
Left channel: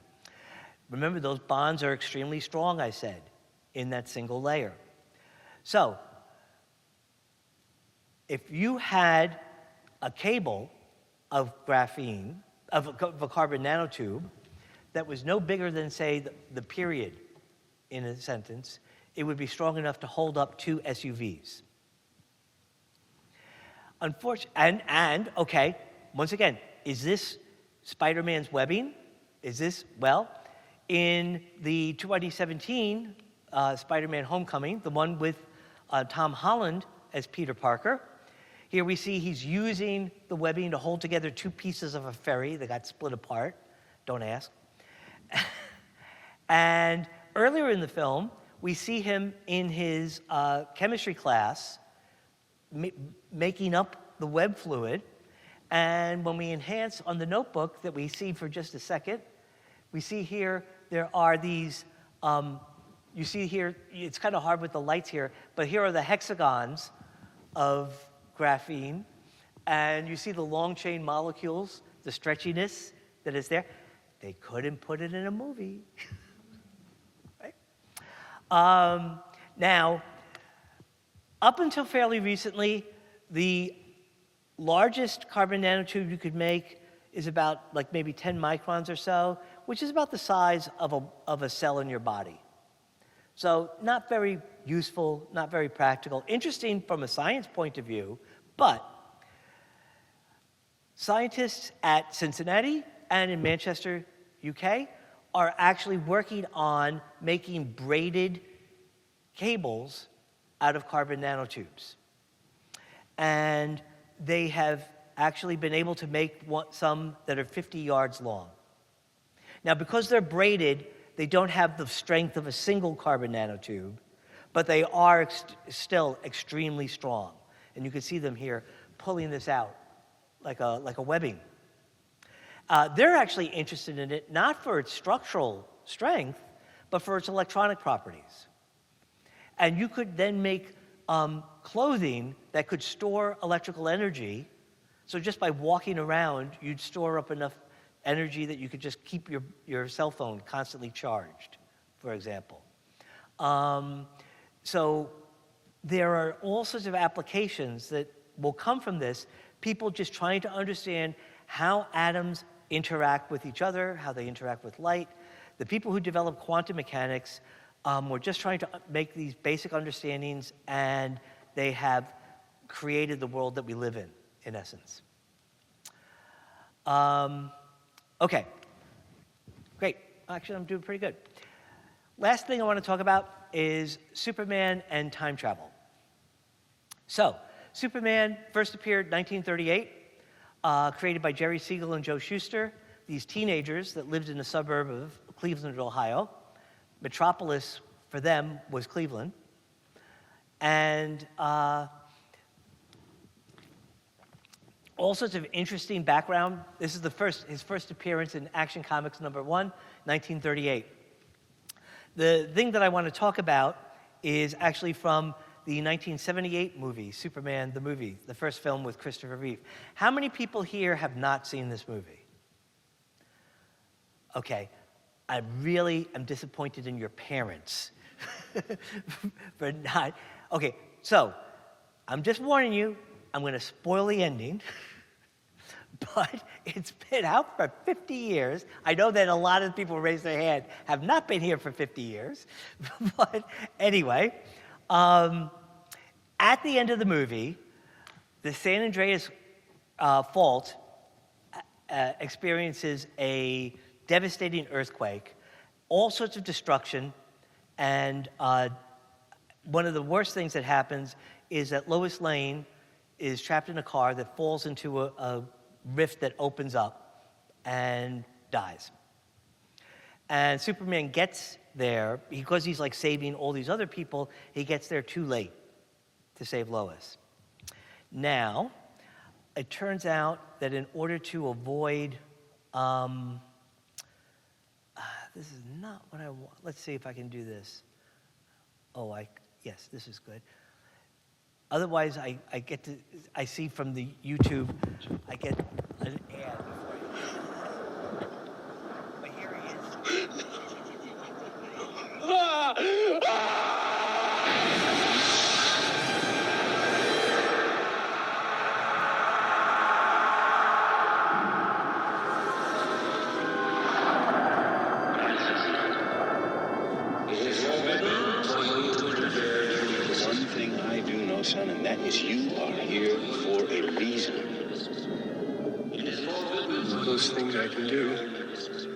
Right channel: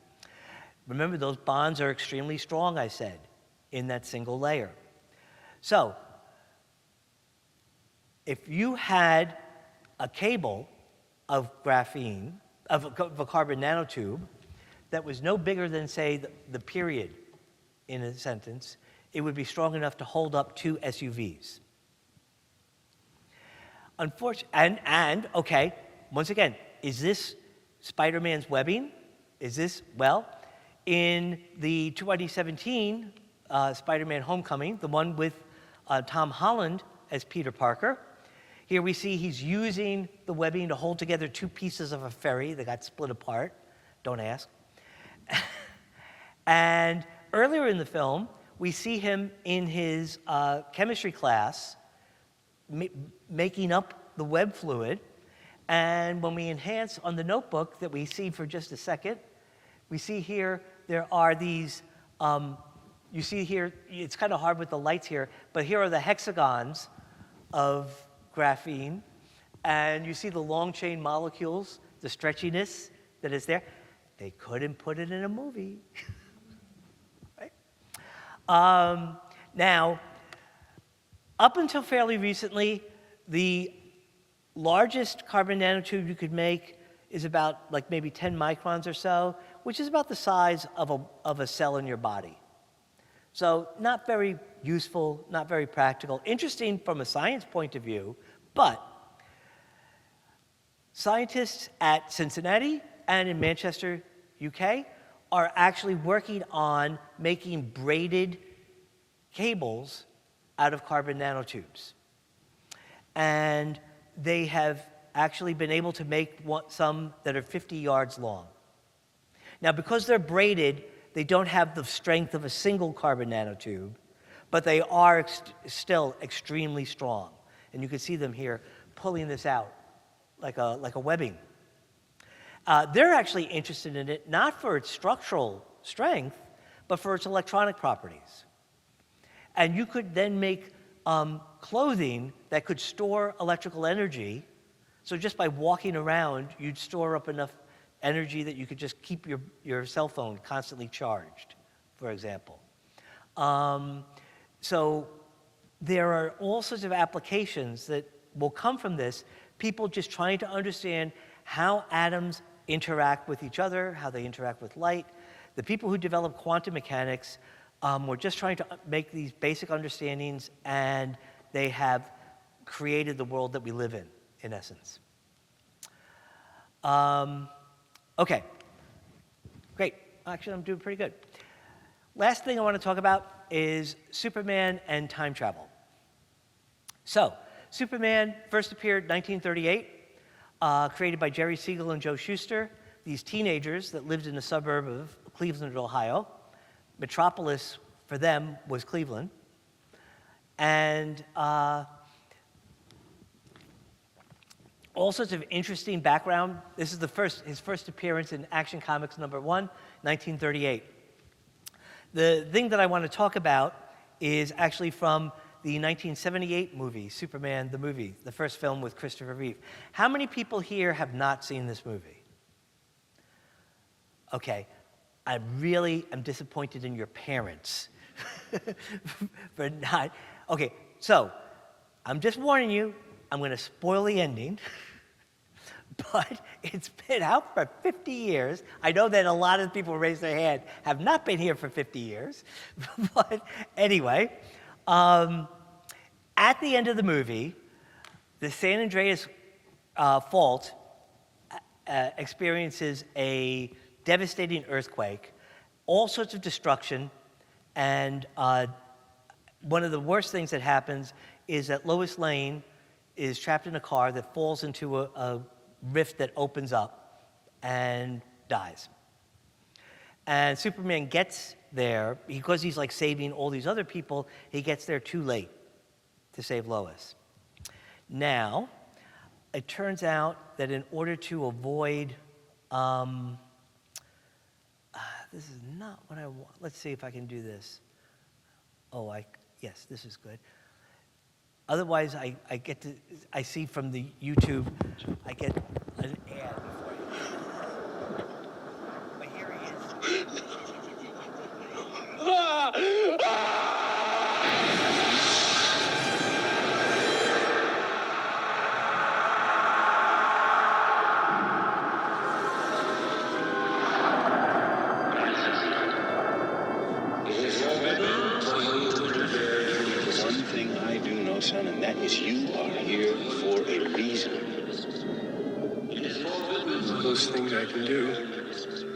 Remember, those bonds are extremely strong, I said, in that single layer. So, if you had a cable of graphene, of a carbon nanotube, that was no bigger than, say, the period in a sentence, it would be strong enough to hold up 2 SUVs. Unfortunately, okay, once again, is this Spider-Man's webbing? Is this, well, in the 2017 Spider-Man Homecoming, the one with Tom Holland as Peter Parker, here we see he's using the webbing to hold together 2 pieces of a ferry that got split apart. Don't ask. And earlier in the film, we see him in his chemistry class making up the web fluid. And when we enhance on the notebook that we see for just a second, we see here there are these, you see here, it's kind of hard with the lights here, but here are the hexagons of graphene. And you see the long chain molecules, the stretchiness that is there. They couldn't put it in a movie. Right? Now, up until fairly recently, the largest carbon nanotube you could make is about maybe 10 microns or so, which is about the size of a cell in your body. So not very useful, not very practical. Interesting from a science point of view, but Scientists at Cincinnati and in Manchester, UK, are actually working on making braided cables out of carbon nanotubes. And they have actually been able to make some that are 50 yards long. Now, because they're braided, they don't have the strength of a single carbon nanotube, but they are still extremely strong. And you can see them here pulling this out like a webbing. They're actually interested in it not for its structural strength, but for its electronic properties. And you could then make clothing that could store electrical energy. So just by walking around, you'd store up enough energy that you could just keep your cell phone constantly charged, for example. So there are all sorts of applications that will come from this, people just trying to understand how atoms interact with each other, how they interact with light. The people who develop quantum mechanics were just trying to make these basic understandings, and they have created the world that we live in essence. Okay, great. Actually, I'm doing pretty good. Last thing I want to talk about is Superman and time travel. So, Superman first appeared 1938, created by Jerry Siegel and Joe Shuster, these teenagers that lived in a suburb of Cleveland, Ohio. Metropolis for them was Cleveland. And all sorts of interesting background. This is his first appearance in Action Comics #1, 1938. The thing that I want to talk about is actually from the 1978 movie, Superman the movie, the first film with Christopher Reeve. How many people here have not seen this movie? Okay, I really am disappointed in your parents for not. Okay, so I'm just warning you, I'm going to spoil the ending. But it's been out for 50 years. I know that a lot of people raise their hand have not been here for 50 years. But anyway, at the end of the movie, the San Andreas Fault experiences a devastating earthquake, all sorts of destruction, and one of the worst things that happens is that Lois Lane is trapped in a car that falls into a rift that opens up and dies. And Superman gets there, because he's like saving all these other people, he gets there too late to save Lois. Now, it turns out that in order to avoid, this is not what I want. Let's see if I can do this. Yes, this is good. Otherwise, I see from the YouTube, I get an ad for you. But here he is. One thing I do know, son, and that is you are here for a reason. Those things I could do,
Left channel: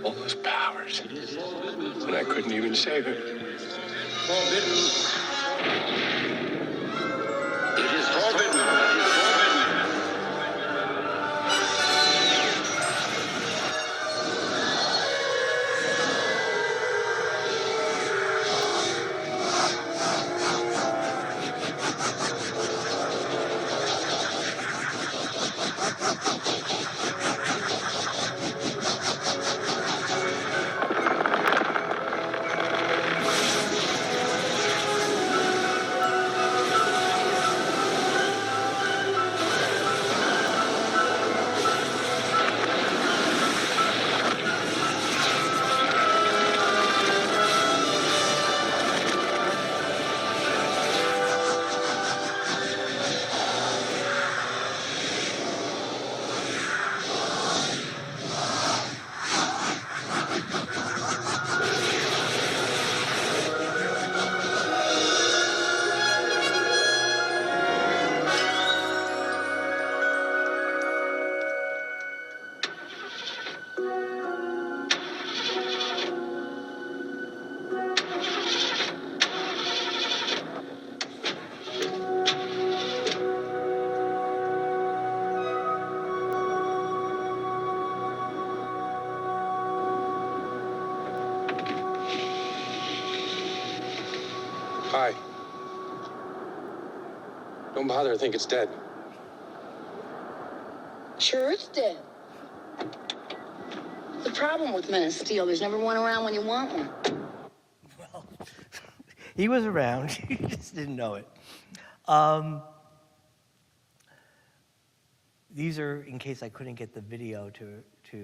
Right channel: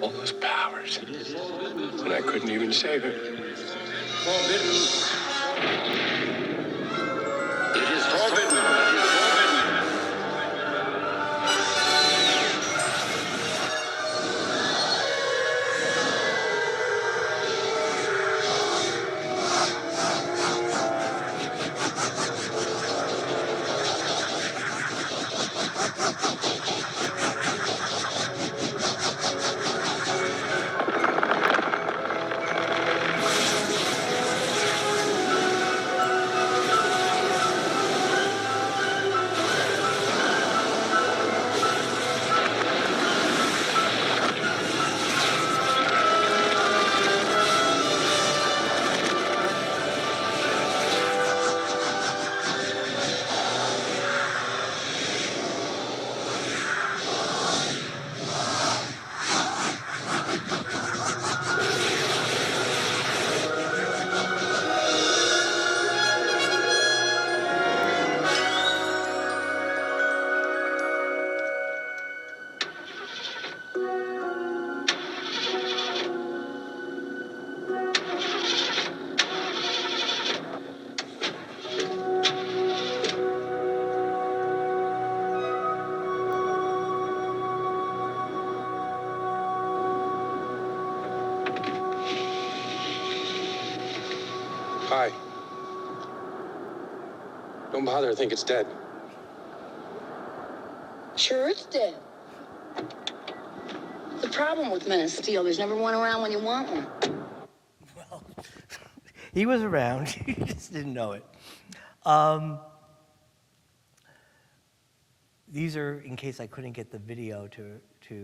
all those powers, and I couldn't even save her. Hi. Don't bother, I think it's dead. Sure is dead. The problem with Men of Steel is never one around when you want one. Well, he was around, you just didn't know it. These are in case I couldn't get the video to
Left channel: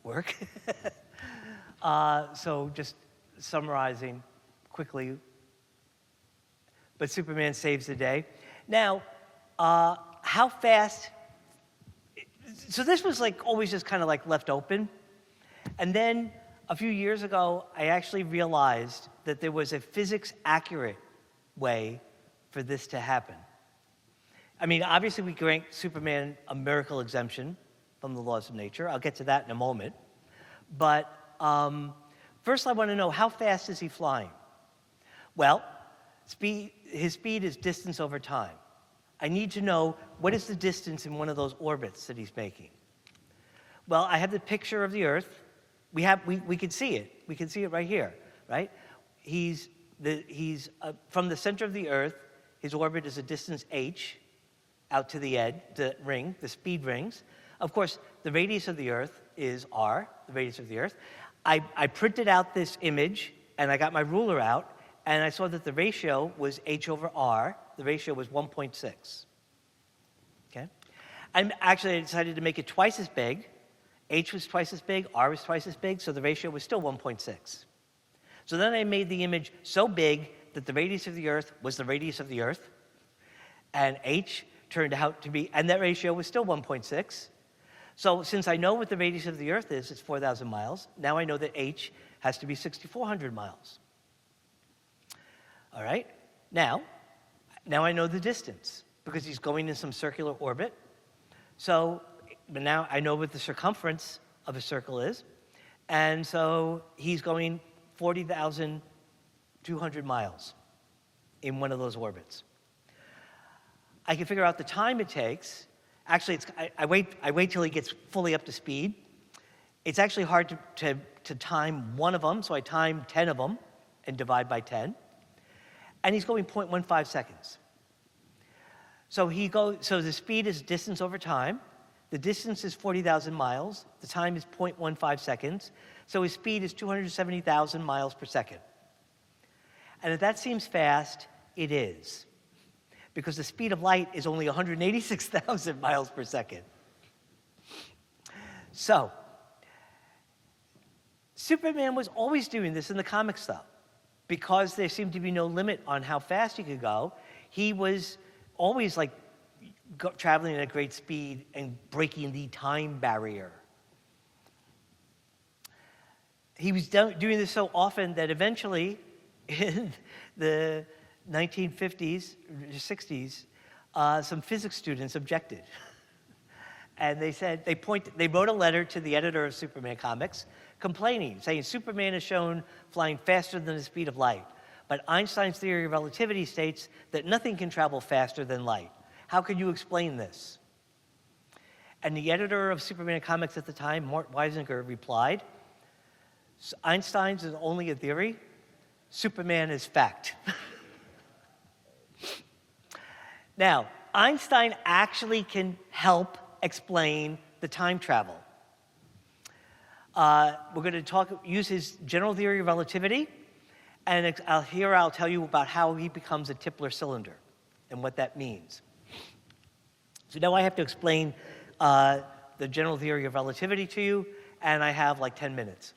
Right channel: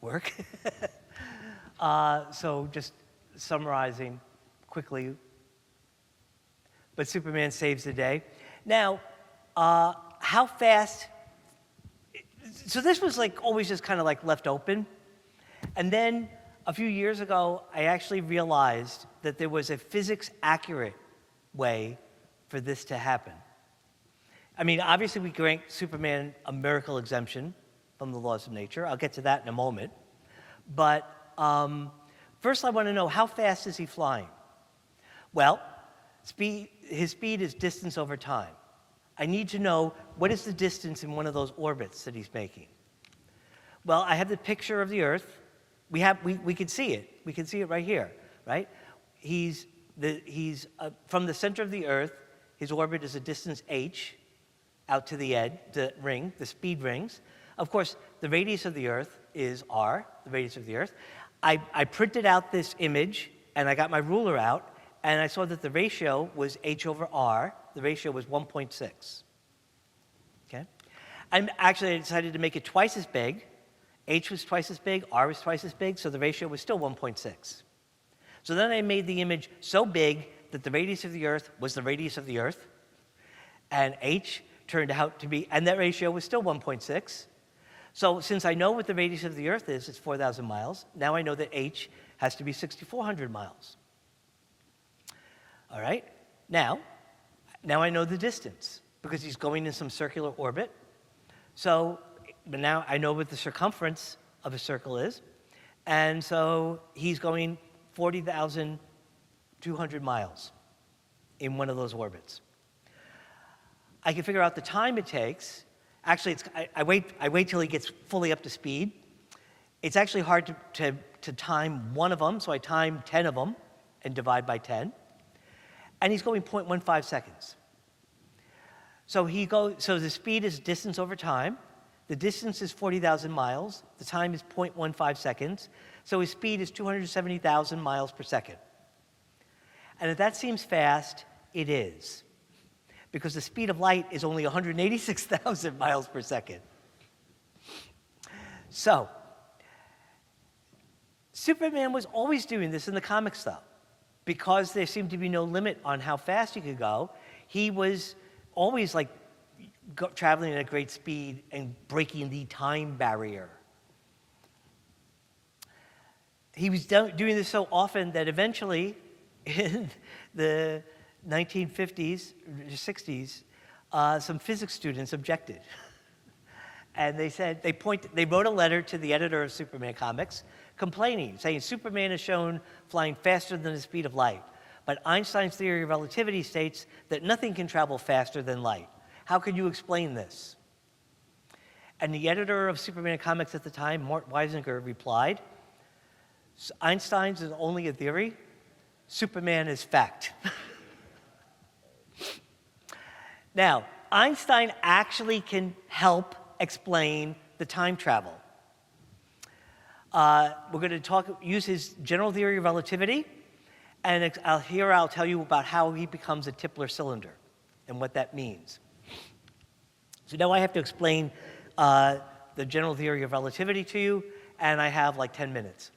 work. So just summarizing quickly, but Superman saves the day. Now, how fast? So this was like always just kind of like left open. And then a few years ago, I actually realized that there was a physics accurate way for this to happen. I mean, obviously we grant Superman a miracle exemption from the laws of nature. I'll get to that in a moment. But first I want to know, how fast is he flying? Well, his speed is distance over time. I need to know, what is the distance in one of those orbits that he's making? Well, I have the picture of the Earth. We can see it. We can see it right here, right? He's from the center of the Earth. His orbit is a distance h out to the edge, the ring, the speed rings. Of course, the radius of the Earth is r, the radius of the Earth. I printed out this image, and I got my ruler out, and I saw that the ratio was h over r. The ratio was 1.6. Okay? And actually, I decided to make it twice as big. H was twice as big, r was twice as big, so the ratio was still 1.6. So then I made the image so big that the radius of the Earth was the radius of the Earth, and h turned out to be, and that ratio was still 1.6. So since I know what the radius of the Earth is, it's 4,000 miles, now I know that h has to be 6,400 miles. All right? Now I know the distance, because he's going in some circular orbit. So but now I know what the circumference of a circle is. And so he's going 40,200 miles in one of those orbits. I can figure out the time it takes. Actually, I wait till he gets fully up to speed. It's actually hard to time one of them, so I time 10 of them and divide by 10. And he's going 0.15 seconds. So the speed is distance over time. The distance is 40,000 miles. The time is 0.15 seconds. So his speed is 270,000 miles per second. And if that seems fast, it is. Because the speed of light is only 186,000 miles per second. So, Superman was always doing this in the comic stuff. Because there seemed to be no limit on how fast he could go, he was always like traveling at great speed and breaking the time barrier. He was doing this so often that eventually, in the 1950s, 60s, some physics students objected. And they said, they wrote a letter to the editor of Superman Comics complaining, saying Superman is shown flying faster than the speed of light. But Einstein's theory of relativity states that nothing can travel faster than light. How can you explain this? And the editor of Superman Comics at the time, Mort Weisinger, replied, Einstein's is only a theory, Superman is fact. Now, Einstein actually can help explain the time travel. We're going to use his general theory of relativity, and I'll tell you about how he becomes a Tipler cylinder and what that means. So now I have to explain the general theory of relativity to you, and I have like 10 minutes.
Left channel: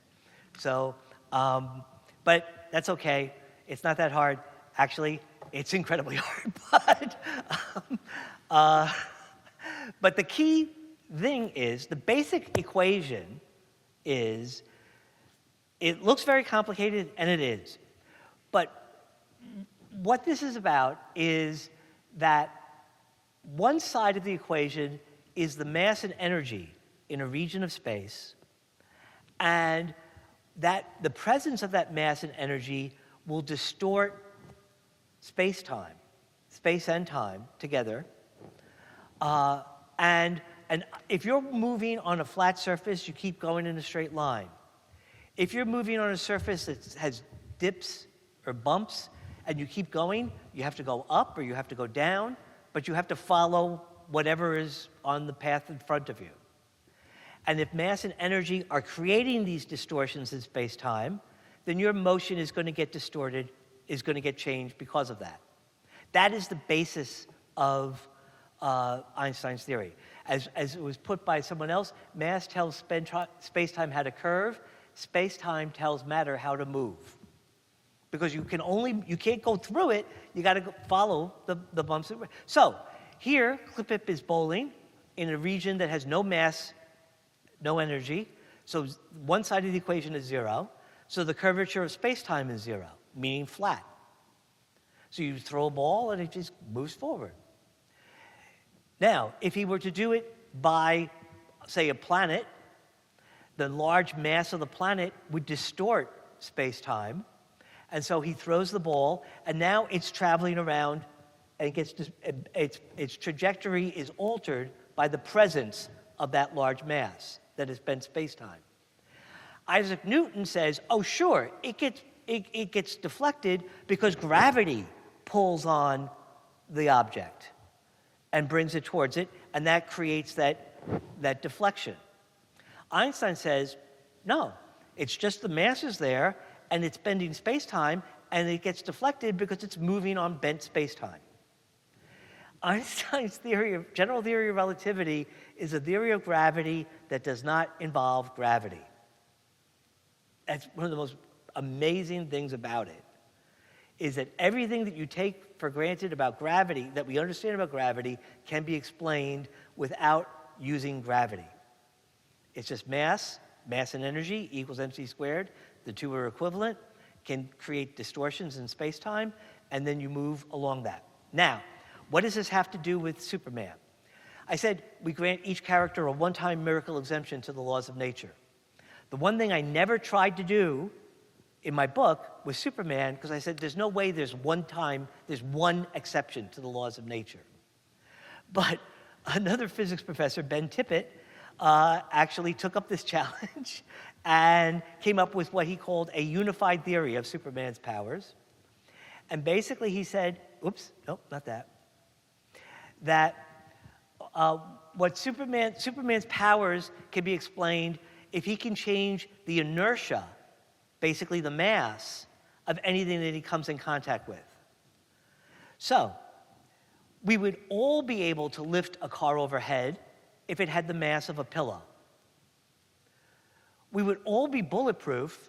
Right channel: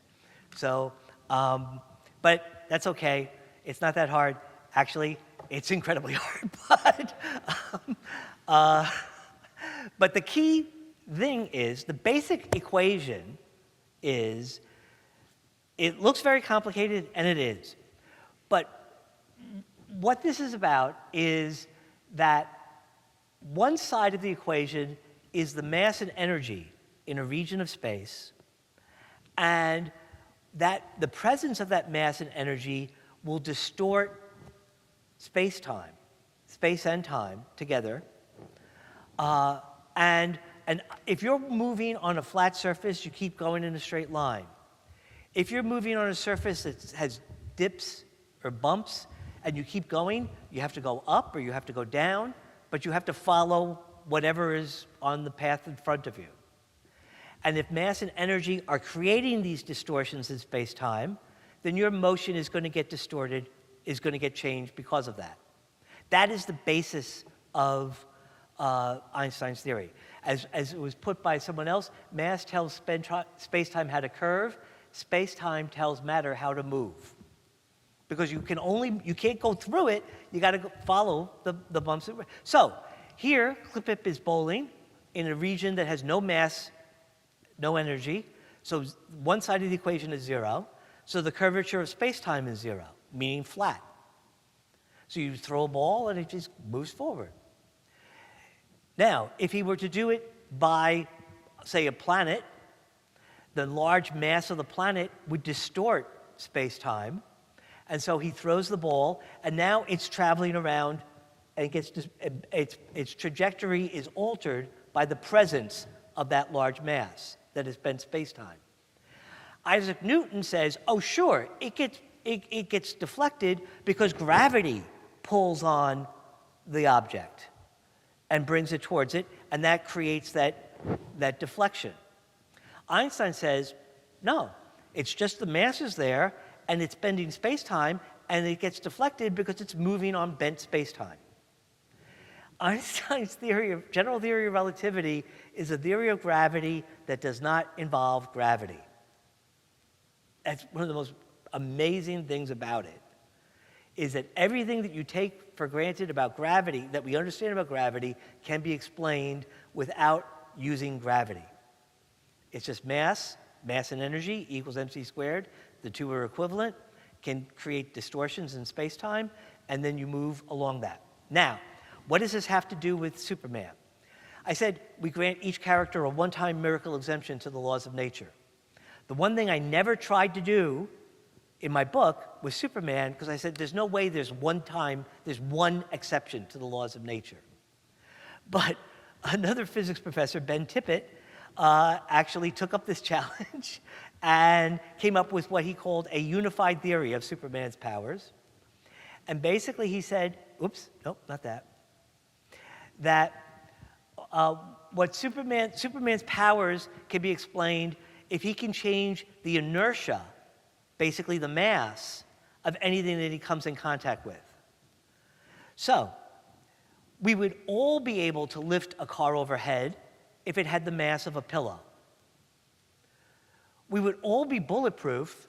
So, but that's okay. It's not that hard. Actually, it's incredibly hard. But the key thing is, the basic equation is, it looks very complicated, and it is. But what this is about is that one side of the equation is the mass and energy in a region of space, and that the presence of that mass and energy will distort space and time together. And if you're moving on a flat surface, you keep going in a straight line. If you're moving on a surface that has dips or bumps, and you keep going, you have to go up or you have to go down, but you have to follow whatever is on the path in front of you. And if mass and energy are creating these distortions in space-time, then your motion is going to get distorted, is going to get changed because of that. That is the basis of Einstein's theory. As it was put by someone else, mass tells space-time how to curve, space-time tells matter how to move. Because you can't go through it, you got to follow the bumps. So here, Klippip is bowling in a region that has no mass, no energy. So one side of the equation is 0. So the curvature of space-time is 0, meaning flat. So you throw a ball and it just moves forward. Now, if he were to do it by, say, a planet, the large mass of the planet would distort space-time. And so he throws the ball, and now it's traveling around, and its trajectory is altered by the presence of that large mass that has been space-time. Isaac Newton says, oh, sure, it gets deflected because gravity pulls on the object and brings it towards it, and that creates that deflection. Einstein says, no, it's just the mass is there, and it's bending space-time, and it gets deflected because it's moving on bent space-time. Einstein's general theory of relativity is a theory of gravity that does not involve gravity. That's one of the most amazing things about it, is that everything that you take for granted about gravity, that we understand about gravity, can be explained without using gravity. It's just mass and energy equals mc squared. The two are equivalent, can create distortions in space-time, and then you move along that. Now, what does this have to do with Superman? I said we grant each character a one-time miracle exemption to the laws of nature. The one thing I never tried to do in my book was Superman, because I said there's no way there's one exception to the laws of nature. But another physics professor, Ben Tippett, actually took up this challenge and came up with what he called a unified theory of Superman's powers. And basically he said, oops, nope, not that. That what Superman's powers can be explained if he can change the inertia, basically the mass, of anything that he comes in contact with. So, we would all be able to lift a car overhead if it had the mass of a pillow. We would all be bulletproof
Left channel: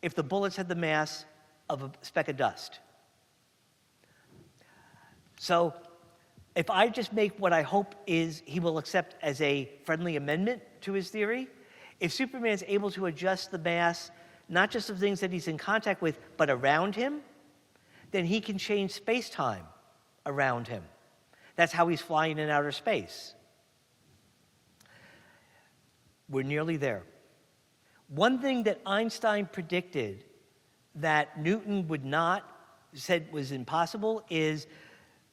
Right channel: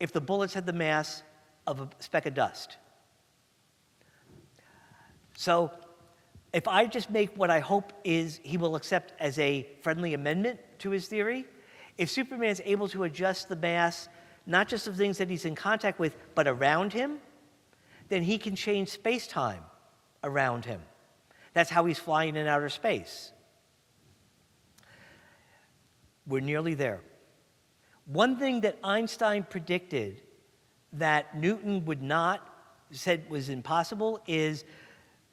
if the bullets had the mass of a speck of dust. So, if I just make what I hope is he will accept as a friendly amendment to his theory, if Superman is able to adjust the mass, not just of things that he's in contact with, but around him, then he can change space-time around him. That's how he's flying in outer space. We're nearly there. One thing that Einstein predicted that Newton said was impossible is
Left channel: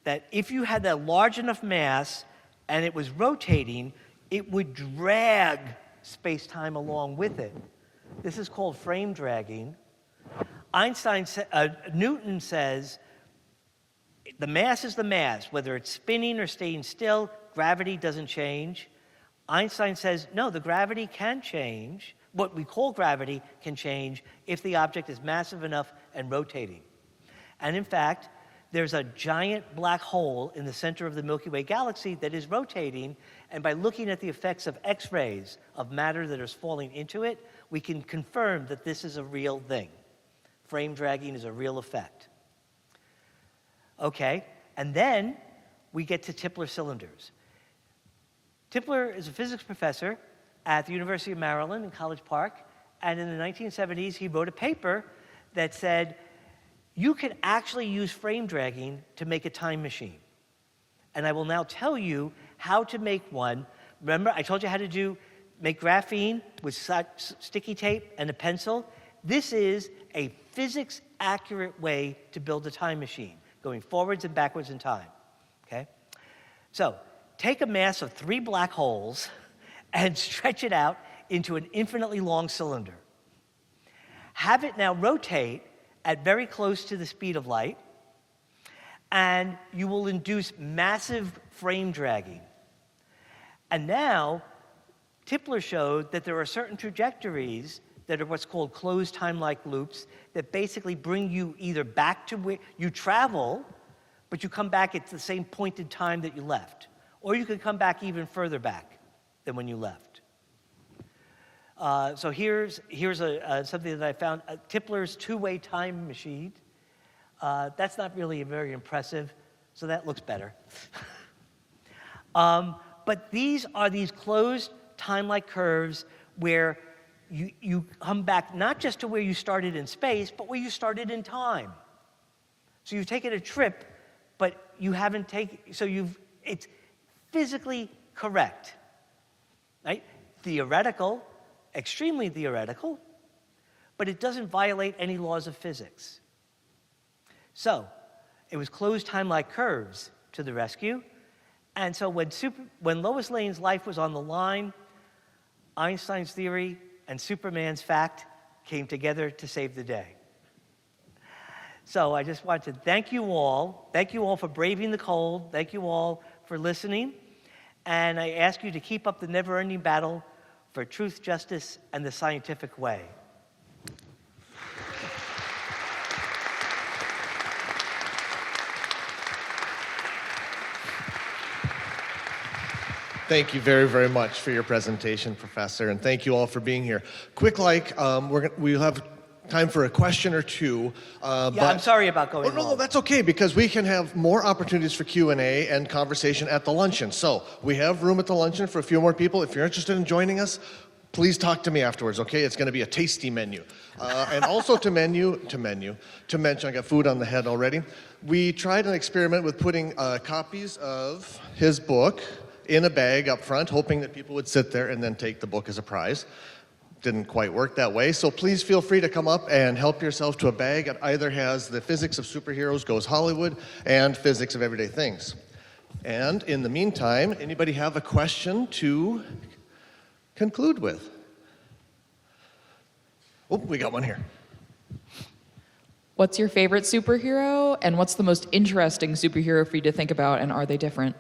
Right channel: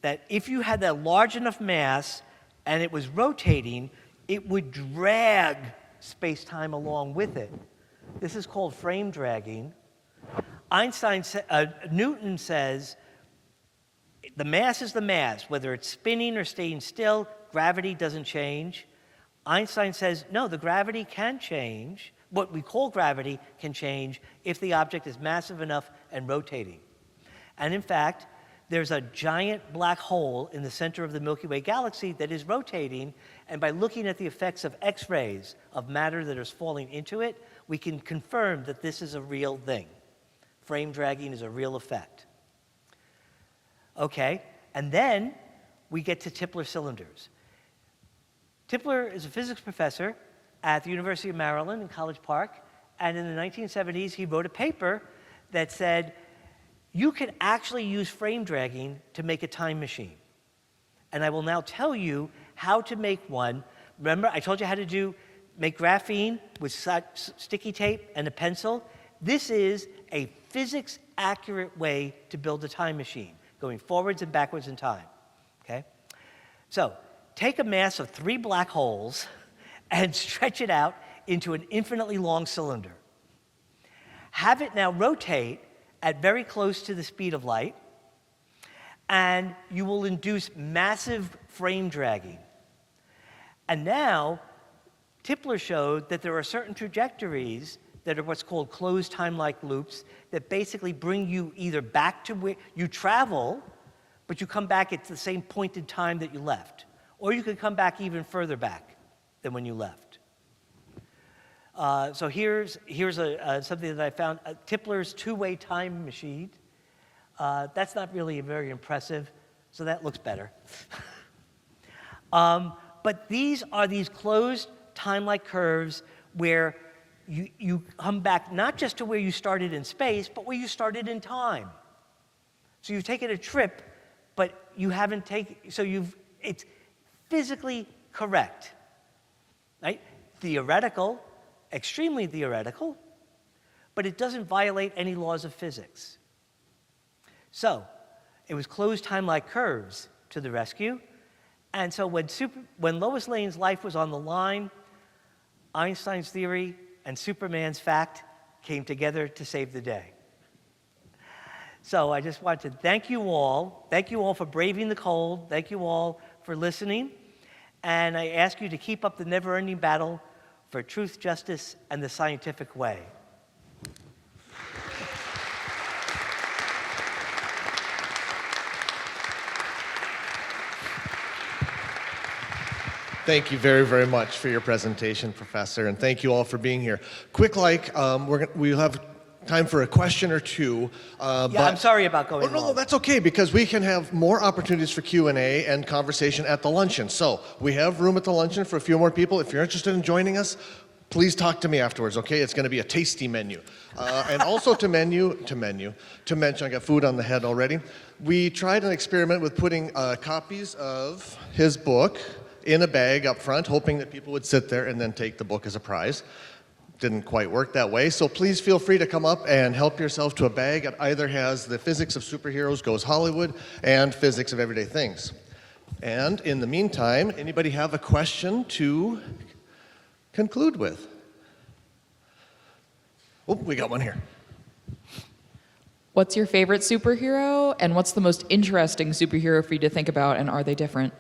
that if you had a large enough mass and it was rotating, it would drag space-time along with it. This is called frame dragging. Newton says the mass is the mass, whether it's spinning or staying still, gravity doesn't change. Einstein says, no, the gravity can change. What we call gravity can change if the object is massive enough and rotating. And in fact, there's a giant black hole in the center of the Milky Way galaxy that is rotating, and by looking at the effects of X-rays of matter that is falling into it, we can confirm that this is a real thing. Frame dragging is a real effect. Okay, and then we get to Tipler cylinders. Tipler is a physics professor at the University of Maryland in College Park, and in the 1970s he wrote a paper that said, you can actually use frame dragging to make a time machine. And I will now tell you how to make one. Remember, I told you how to make graphene with sticky tape and a pencil. This is a physics-accurate way to build a time machine, going forwards and backwards in time, okay? So, take a mass of 3 black holes and stretch it out into an infinitely long cylinder. Have it now rotate at very close to the speed of light, and you will induce massive frame dragging. And now, Tipler showed that there are certain trajectories that are what's called closed time-like loops that basically bring you either back to where you travel, but you come back at the same point in time that you left. Or you can come back even further back than when you left. So here's something that I found, Tipler's two-way time machine. That's not really very impressive, so that looks better. But these are these closed time-like curves where you come back not just to where you started in space, but where you started in time. So you've taken a trip, but you haven't taken, it's physically correct, right? Theoretical, extremely theoretical, but it doesn't violate any laws of physics. So it was closed time-like curves to the rescue. And so when Lois Lane's life was on the line, Einstein's theory and Superman's fact came together to save the day. So I just want to thank you all. Thank you all for braving the cold. Thank you all for listening. And I ask you to keep up the never-ending battle for truth, justice, and the scientific way. Thank you very, very much for your presentation, Professor, and thank you all for being here. Quick, we'll have time for a question or two. I'm sorry about going long. No, that's okay, because we can have more opportunities for Q&A and conversation at the luncheon. So we have room at the luncheon for a few more people. If you're interested in joining us, please talk to me afterwards, okay? It's going to be a tasty menu. And also to mention, I got food on the head already. We tried an experiment with putting copies of his book in a bag up front, hoping that people would sit there and then take the book as a prize. Didn't quite work that way, so please feel free to come up and help yourself to a bag. It either has the Physics of Superheroes Goes Hollywood and Physics of Everyday Things. And in the meantime, anybody have a question to conclude with? Oh, we got one here. What's your favorite superhero, and what's the most interesting superhero for you to think about, and are they different?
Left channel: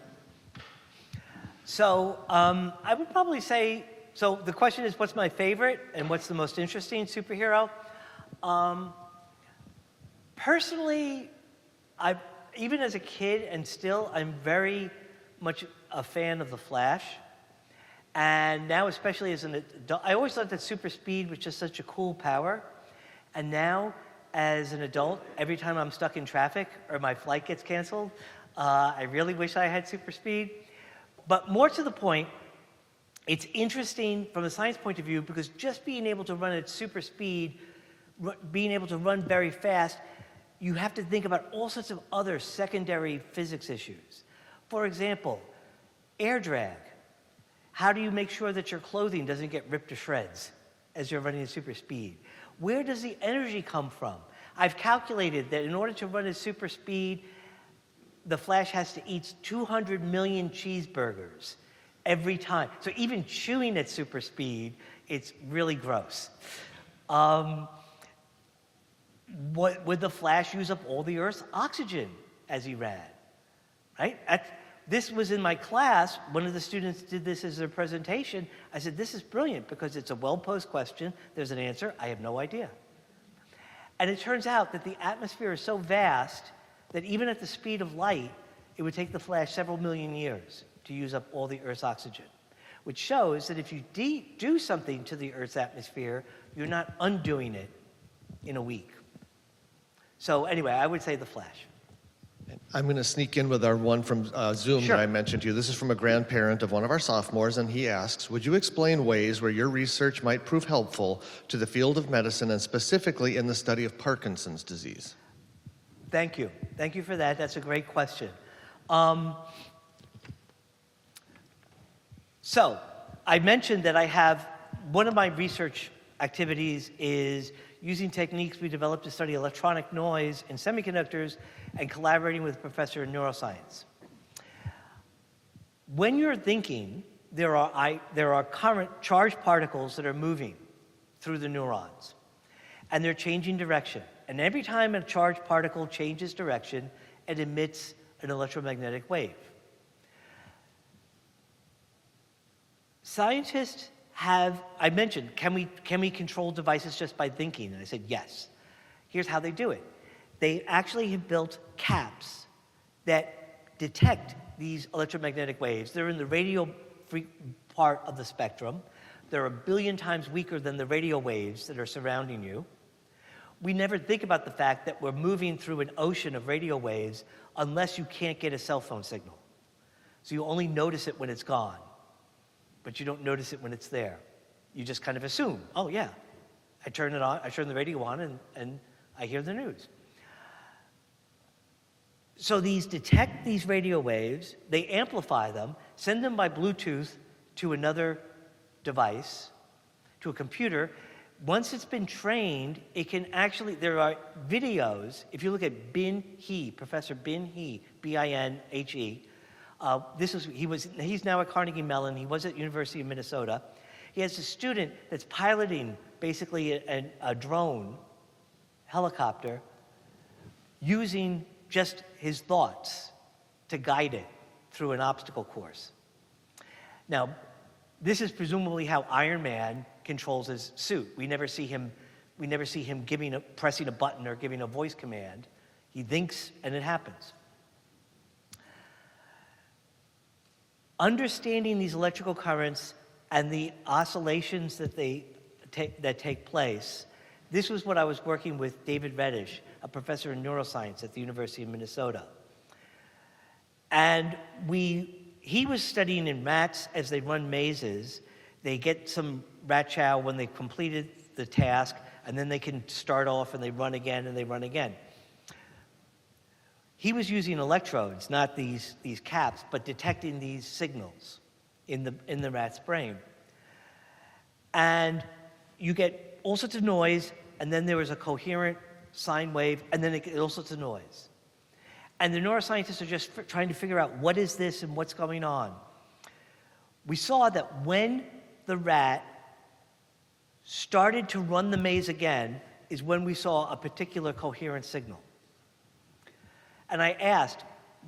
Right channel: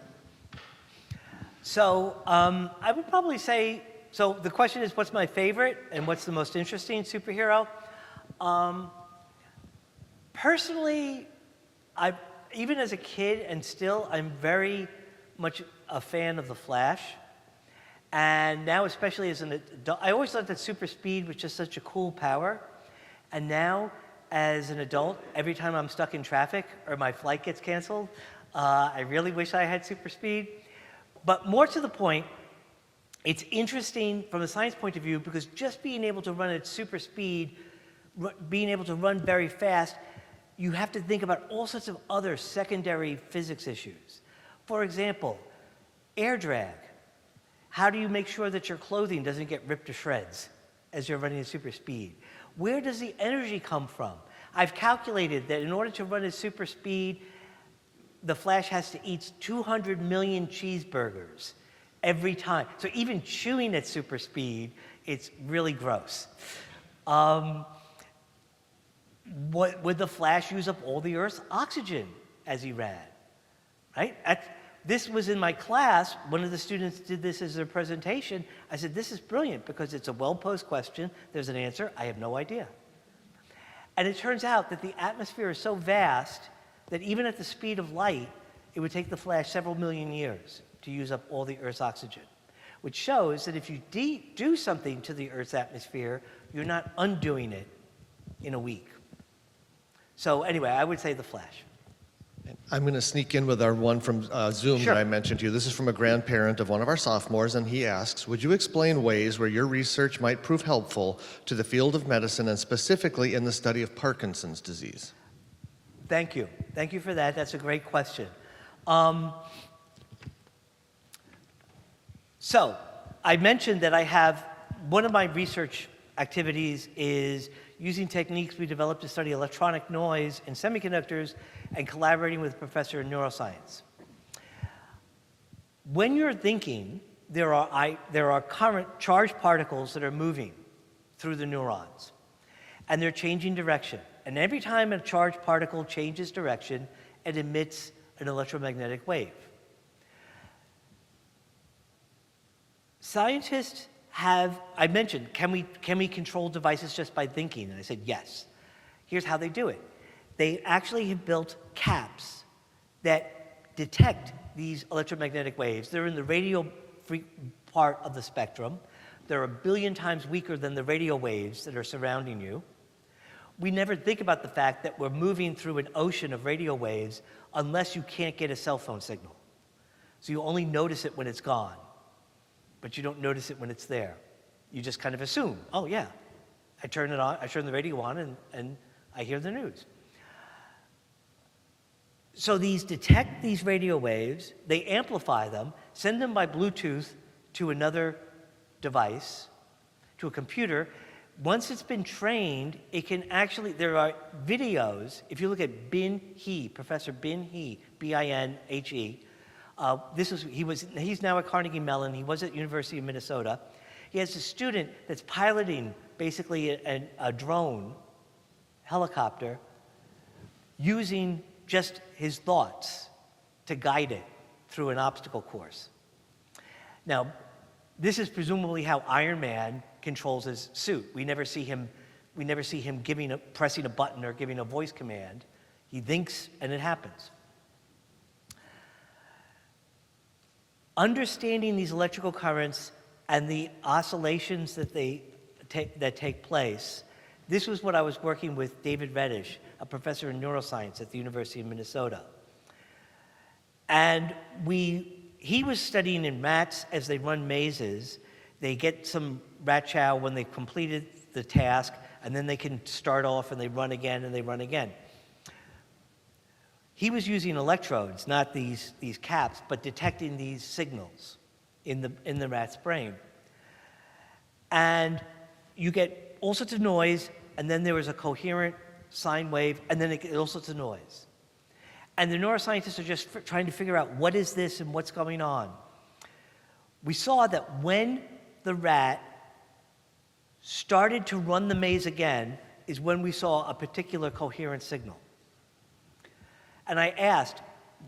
So I would probably say, so the question is, what's my favorite and what's the most interesting superhero? Personally, even as a kid and still, I'm very much a fan of The Flash. And now, especially as an adult, I always thought that super speed was just such a cool power. And now, as an adult, every time I'm stuck in traffic or my flight gets canceled, I really wish I had super speed. But more to the point, it's interesting from a science point of view because just being able to run at super speed, being able to run very fast, you have to think about all sorts of other secondary physics issues. For example, air drag. How do you make sure that your clothing doesn't get ripped to shreds as you're running at super speed? Where does the energy come from? I've calculated that in order to run at super speed, the Flash has to eat 200 million cheeseburgers every time. So even chewing at super speed, it's really gross. Would the Flash use up all the Earth's oxygen as he ran? Right? This was in my class. One of the students did this as a presentation. I said, this is brilliant because it's a well-posed question. There's an answer. I have no idea. And it turns out that the atmosphere is so vast that even at the speed of light, it would take the Flash several million years to use up all the Earth's oxygen, which shows that if you do something to the Earth's atmosphere, you're not undoing it in a week. So anyway, I would say the Flash. I'm going to sneak in with our one from Zoom Sure. that I mentioned to you. This is from a grandparent of one of our sophomores, and he asks, would you explain ways where your research might prove helpful to the field of medicine and specifically in the study of Parkinson's disease? Thank you. Thank you for that. That's a great question. So I mentioned that I have, one of my research activities is using techniques we developed to study electronic noise in semiconductors and collaborating with a professor in neuroscience. When you're thinking, there are current charged particles that are moving through the neurons, and they're changing direction. And every time a charged particle changes direction, and emits an electromagnetic wave. Scientists have, I mentioned, can we control devices just by thinking? And I said, yes. Here's how they do it. They actually have built caps that detect these electromagnetic waves. They're in the radio part of the spectrum. They're 1 billion times weaker than the radio waves that are surrounding you. We never think about the fact that we're moving through an ocean of radio waves unless you can't get a cell phone signal. So you only notice it when it's gone, but you don't notice it when it's there. You just kind of assume, oh yeah, I turn it on, I turn the radio on, and I hear the news. So these detect these radio waves, they amplify them, send them by Bluetooth to another device, to a computer. Once it's been trained, it can actually, there are videos, if you look at Bin He, Professor Bin He, B-I-N-H-E, he's now at Carnegie Mellon, he was at University of Minnesota. He has a student that's piloting basically a drone, helicopter, using just his thoughts to guide it through an obstacle course. Now, this is presumably how Iron Man controls his suit. We never see him pressing a button or giving a voice command. He thinks and it happens. Understanding these electrical currents and the oscillations that take place, this was what I was working with David Reddish, a professor in neuroscience at the University of Minnesota. And he was studying in rats as they run mazes. They get some rat chow when they completed the task, and then they can start off and they run again and they run again. He was using electrodes, not these caps, but detecting these signals in the rat's brain. And you get all sorts of noise, and then there was a coherent sine wave, and then it gets all sorts of noise. And the neuroscientists are just trying to figure out what is this and what's going on. We saw that when the rat started to run the maze again is when we saw a particular coherent signal. And I asked,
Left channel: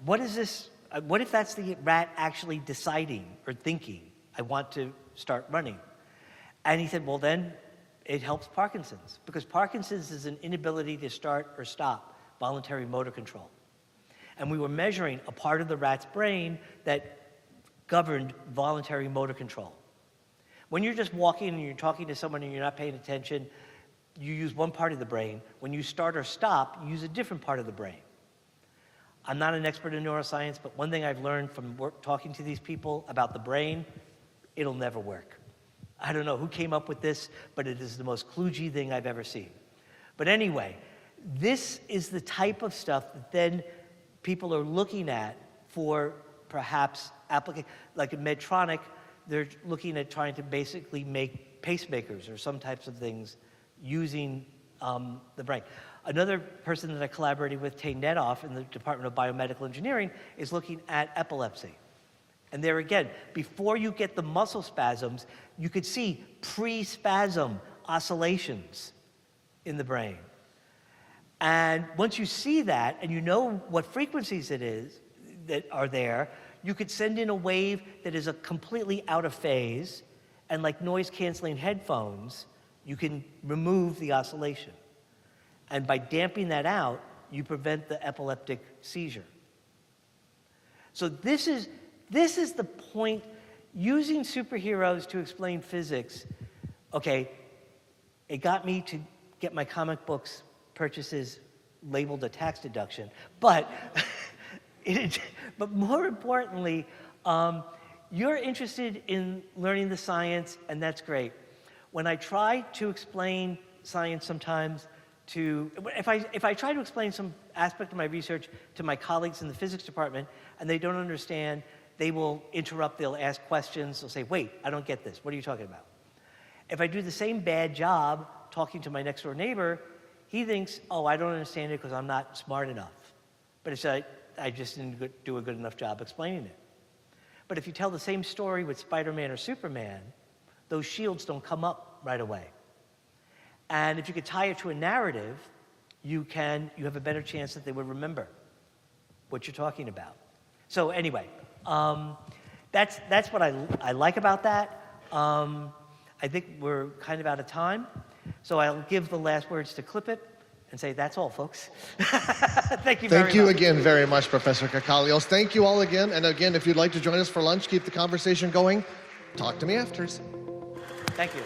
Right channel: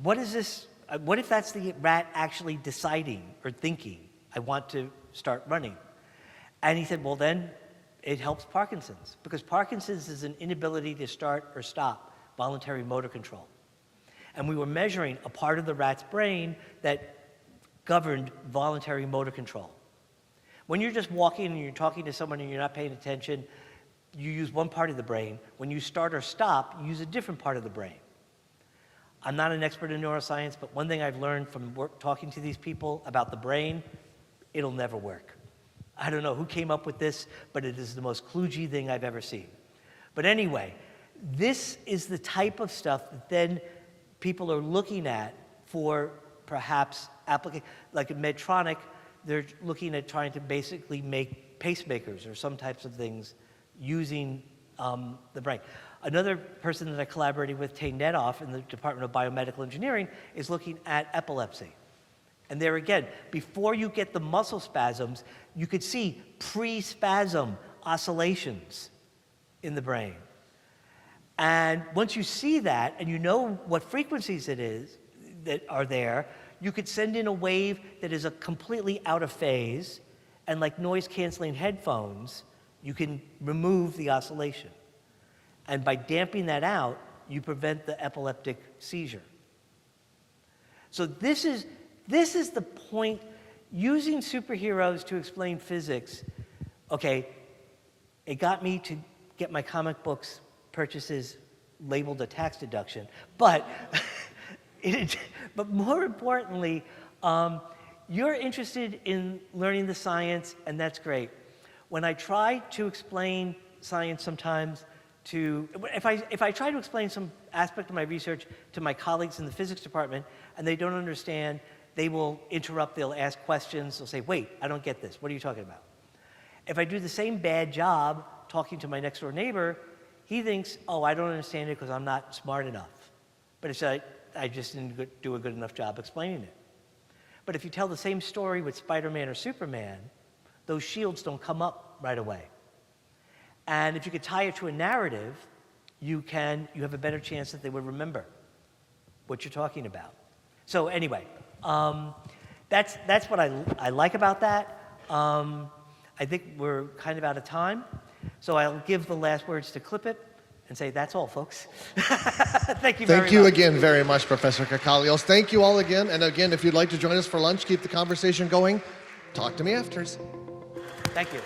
what is this? What if that's the rat actually deciding or thinking, I want to start running? And he said, well, then it helps Parkinson's, because Parkinson's is an inability to start or stop voluntary motor control. And we were measuring a part of the rat's brain that governed voluntary motor control. When you're just walking and you're talking to someone and you're not paying attention, you use one part of the brain. When you start or stop, you use a different part of the brain. I'm not an expert in neuroscience, but one thing I've learned from talking to these people about the brain, it'll never work. I don't know who came up with this, but it is the most kludgy thing I've ever seen. But anyway, this is the type of stuff that then people are looking at for perhaps application. Like in Medtronic, they're looking at trying to basically make pacemakers or some types of things using the brain. Another person that I collaborated with, Tay Netoff, in the Department of Biomedical Engineering, is looking at epilepsy. And there again, before you get the muscle spasms, you could see pre-spasm oscillations in the brain. And once you see that, and you know what frequencies it is that are there, you could send in a wave that is a completely out of phase, and like noise-canceling headphones, you can remove the oscillation. And by damping that out, you prevent the epileptic seizure. So this is the point. Using superheroes to explain physics, okay, it got me to get my comic books purchases labeled a tax deduction, but but more importantly, you're interested in learning the science, and that's great. When I try to explain science sometimes if I try to explain some aspect of my research to my colleagues in the physics department and they don't understand, they will interrupt, they'll ask questions, they'll say, wait, I don't get this, what are you talking about? If I do the same bad job talking to my next door neighbor, he thinks, oh, I don't understand it because I'm not smart enough. But it's I just didn't do a good enough job explaining it. But if you tell the same story with Spider-Man or Superman, those shields don't come up right away. And if you could tie it to a narrative, you have a better chance that they will remember. what you're talking about. So anyway, that's what I like about that. I think we're kind of out of time, so I'll give the last words to Clip It and say that's all, folks. Thank you very much. Thank you again very much, Professor Kakalios. Thank you all again. And again, if you'd like to join us for lunch, keep the conversation going, talk to me afterwards. Thank you.